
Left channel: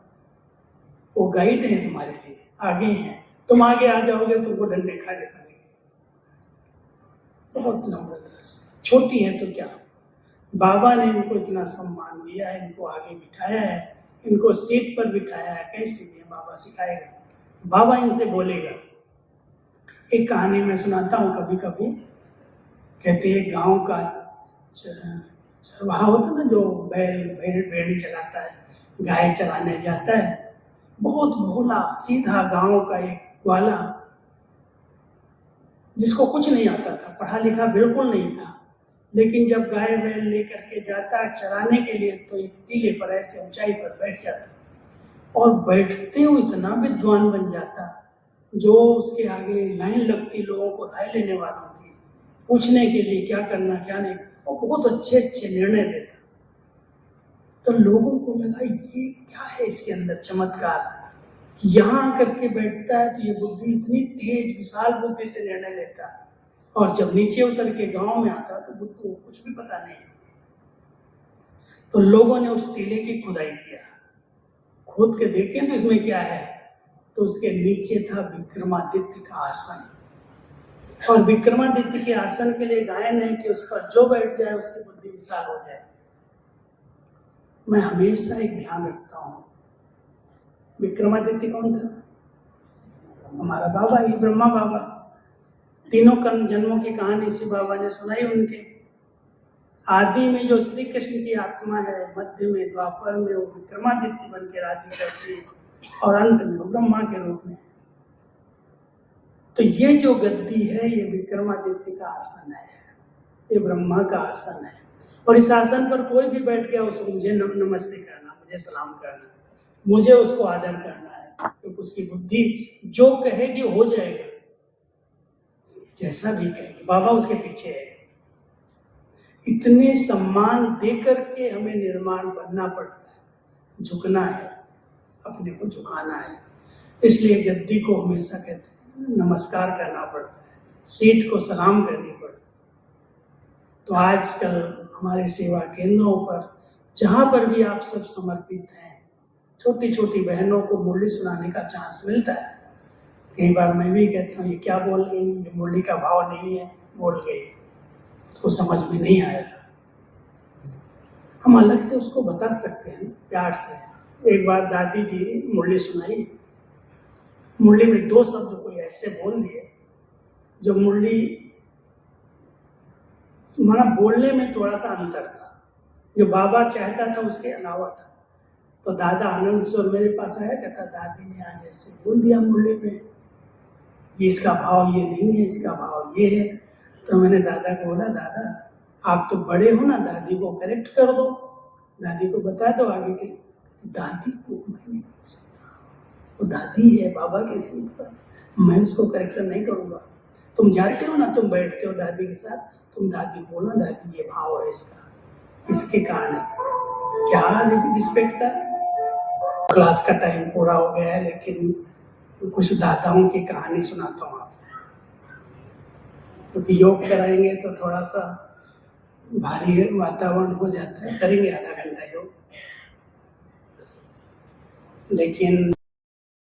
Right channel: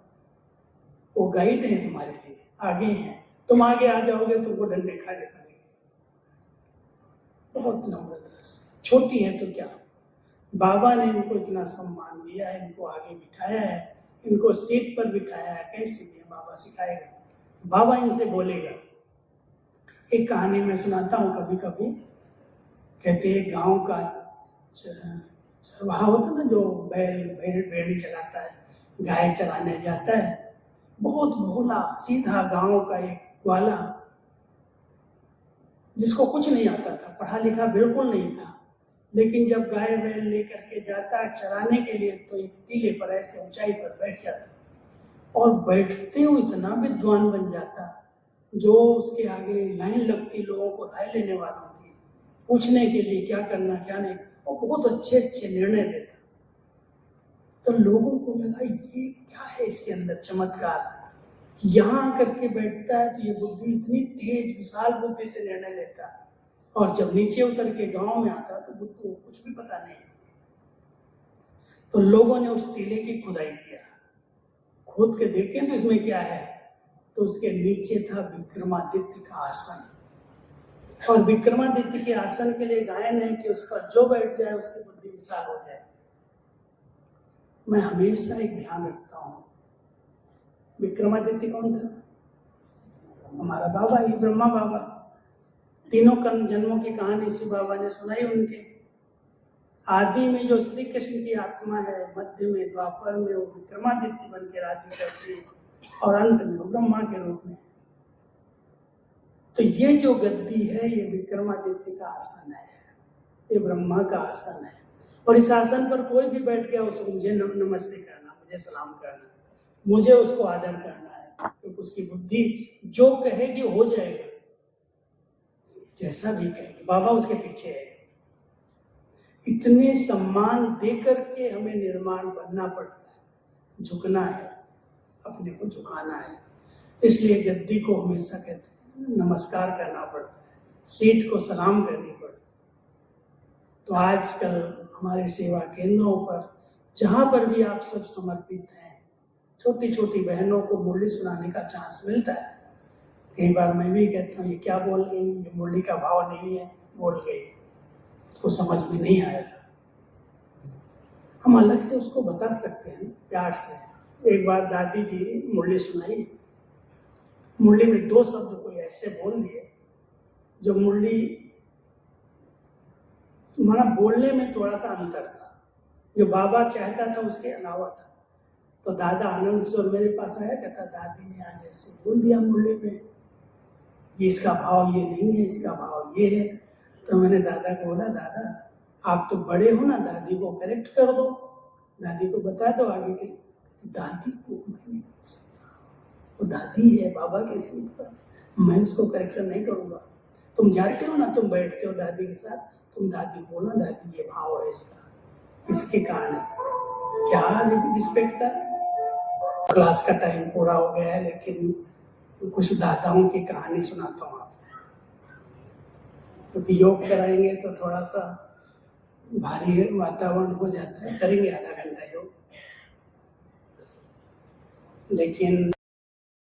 वो गाइड है तुम्हारे लिए, आगे हैं, तुम आगे आ जाओगे तुमको डंडे खड़े करेंगे। बहुत नम्रता से, छोटी है तो क्या, बाबा ने इनको इतना सम्मान दिया है, इनको आगे बिठाया है, इनको सीट पर बिठाया है। कैसे भी बाबा सिखाएगा, बाबा इनसे बोलेगा। एक कहानी मैं सुनाता हूँ कभी कभी। कहते एक गांव का चरवाहा होता ना, जो भेड़ी चलाता है, गाय चराने जाता है, बहुत भोला सीधा गांव का एक ग्वाला, जिसको कुछ नहीं आता था, पढ़ा लिखा बिल्कुल नहीं था, लेकिन जब गाय बैल लेकर के जाता है चराने के लिए तो एक टीले पर ऐसे ऊंचाई पर बैठ जाता, और बैठते हुए इतना विद्वान बन जाता, जो उसके आगे लाइन लगती लोगों को राय लेने वालों की, पूछने के लिए क्या करना क्या नहीं, और बहुत अच्छे अच्छे निर्णय देता। तो लोगों को लगा ये क्या है इसके अंदर चमत्कार, यहाँ आकर के बैठता है तो ये बुद्धि इतनी तेज विशाल बुद्धि से निर्णय लेता है, और जब नीचे उतर के गांव में आता तो बुद्धि को कुछ भी पता नहीं। तो लोगों ने उस टीले की खुदाई किया, खोद के देखे तो इसमें क्या है, तो उसके नीचे था विक्रमादित्य का आसन, और विक्रमादित्य के आसन के लिए गायन है कि उस पर जो बैठ जाए उसकी बुद्धि विशाल हो जाए। मैं हमेशा एक ध्यान रखता हूँ, विक्रमादित्य कौन था, हमारा बाबा ही, ब्रह्मा बाबा। तीनों कर्म जन्मों की कहानी शिव बाबा ने सुनाई उनके। आदि में जो श्री कृष्ण की आत्मा है, मध्य में द्वापर में वो विक्रमादित्य बन के राज्य करती है, और अंत में वो ब्रह्मा के रूप में। तो ये जो गद्दी है ये विक्रमादित्य का आसन है, ये ब्रह्मा का आसन है, और इस आसन पर कोई भी बैठ गया उसको मुझे नमस्ते करना, मुझे सलाम करना, मुझे उसको आदर करना है, क्योंकि उसकी बुद्धि जो कहेगी हो जाएगा, जैसा भी कहेगी, बाबा उसके पीछे है। इतने सम्मान दे करके हमें निर्माण बनना पड़ता है, झुकना है, अपने को झुकाना है। इसलिए गद्दी को हमेशा कहते हैं नमस्कार करना पड़ता है, सीट को सलाम करनी पड़ती है। तो आजकल हमारे सेवा केंद्रों पर जहाँ पर भी आप सब समर्पित हैं, छोटी छोटी बहनों को मुरली सुनाने का चांस मिलता है। कई बार मैं भी कहता हूँ ये क्या बोल गई, ये मुरली का भाव नहीं है, बोल गई, उसको समझ में नहीं आया। हम अलग से उसको बता सकते हैं प्यार से। एक बार दादी जी मुरली सुनाई, मुरली में 2 शब्द कोई ऐसे बोल दिए जो मुरली माना बोलने में थोड़ा सा अंतर था, जो बाबा चाहता था उसके अलावा था। तो दादा आनंद किशोर मेरे पास आया, कहता दादी ने आज ऐसे बोल दिया मुरली में, ये इसका भाव ये नहीं है, इसका भाव ये है। तो मैंने दादा को बोला, दादा आप तो बड़े हो ना, दादी को करेक्ट कर दो, दादी को बता दो आगे के। दादी को मैं नहीं बोल सकता, वो दादी है बाबा की सीट पर, मैं उसको करेक्शन नहीं करूंगा। तुम जाते हो ना, तुम बैठते हो दादी के साथ, तुम दादी को बोलो दादी ये भाव है इसका, इसके कारण से क्या रिस्पेक्ट था। क्लास का टाइम पूरा हो गया है, लेकिन कुछ दाताओं की कहानी सुनाता हूँ आपको, क्योंकि योग कराएंगे तो थोड़ा सा भारी वातावरण हो जाता है। करेंगे आधा घंटा योग, लेकिन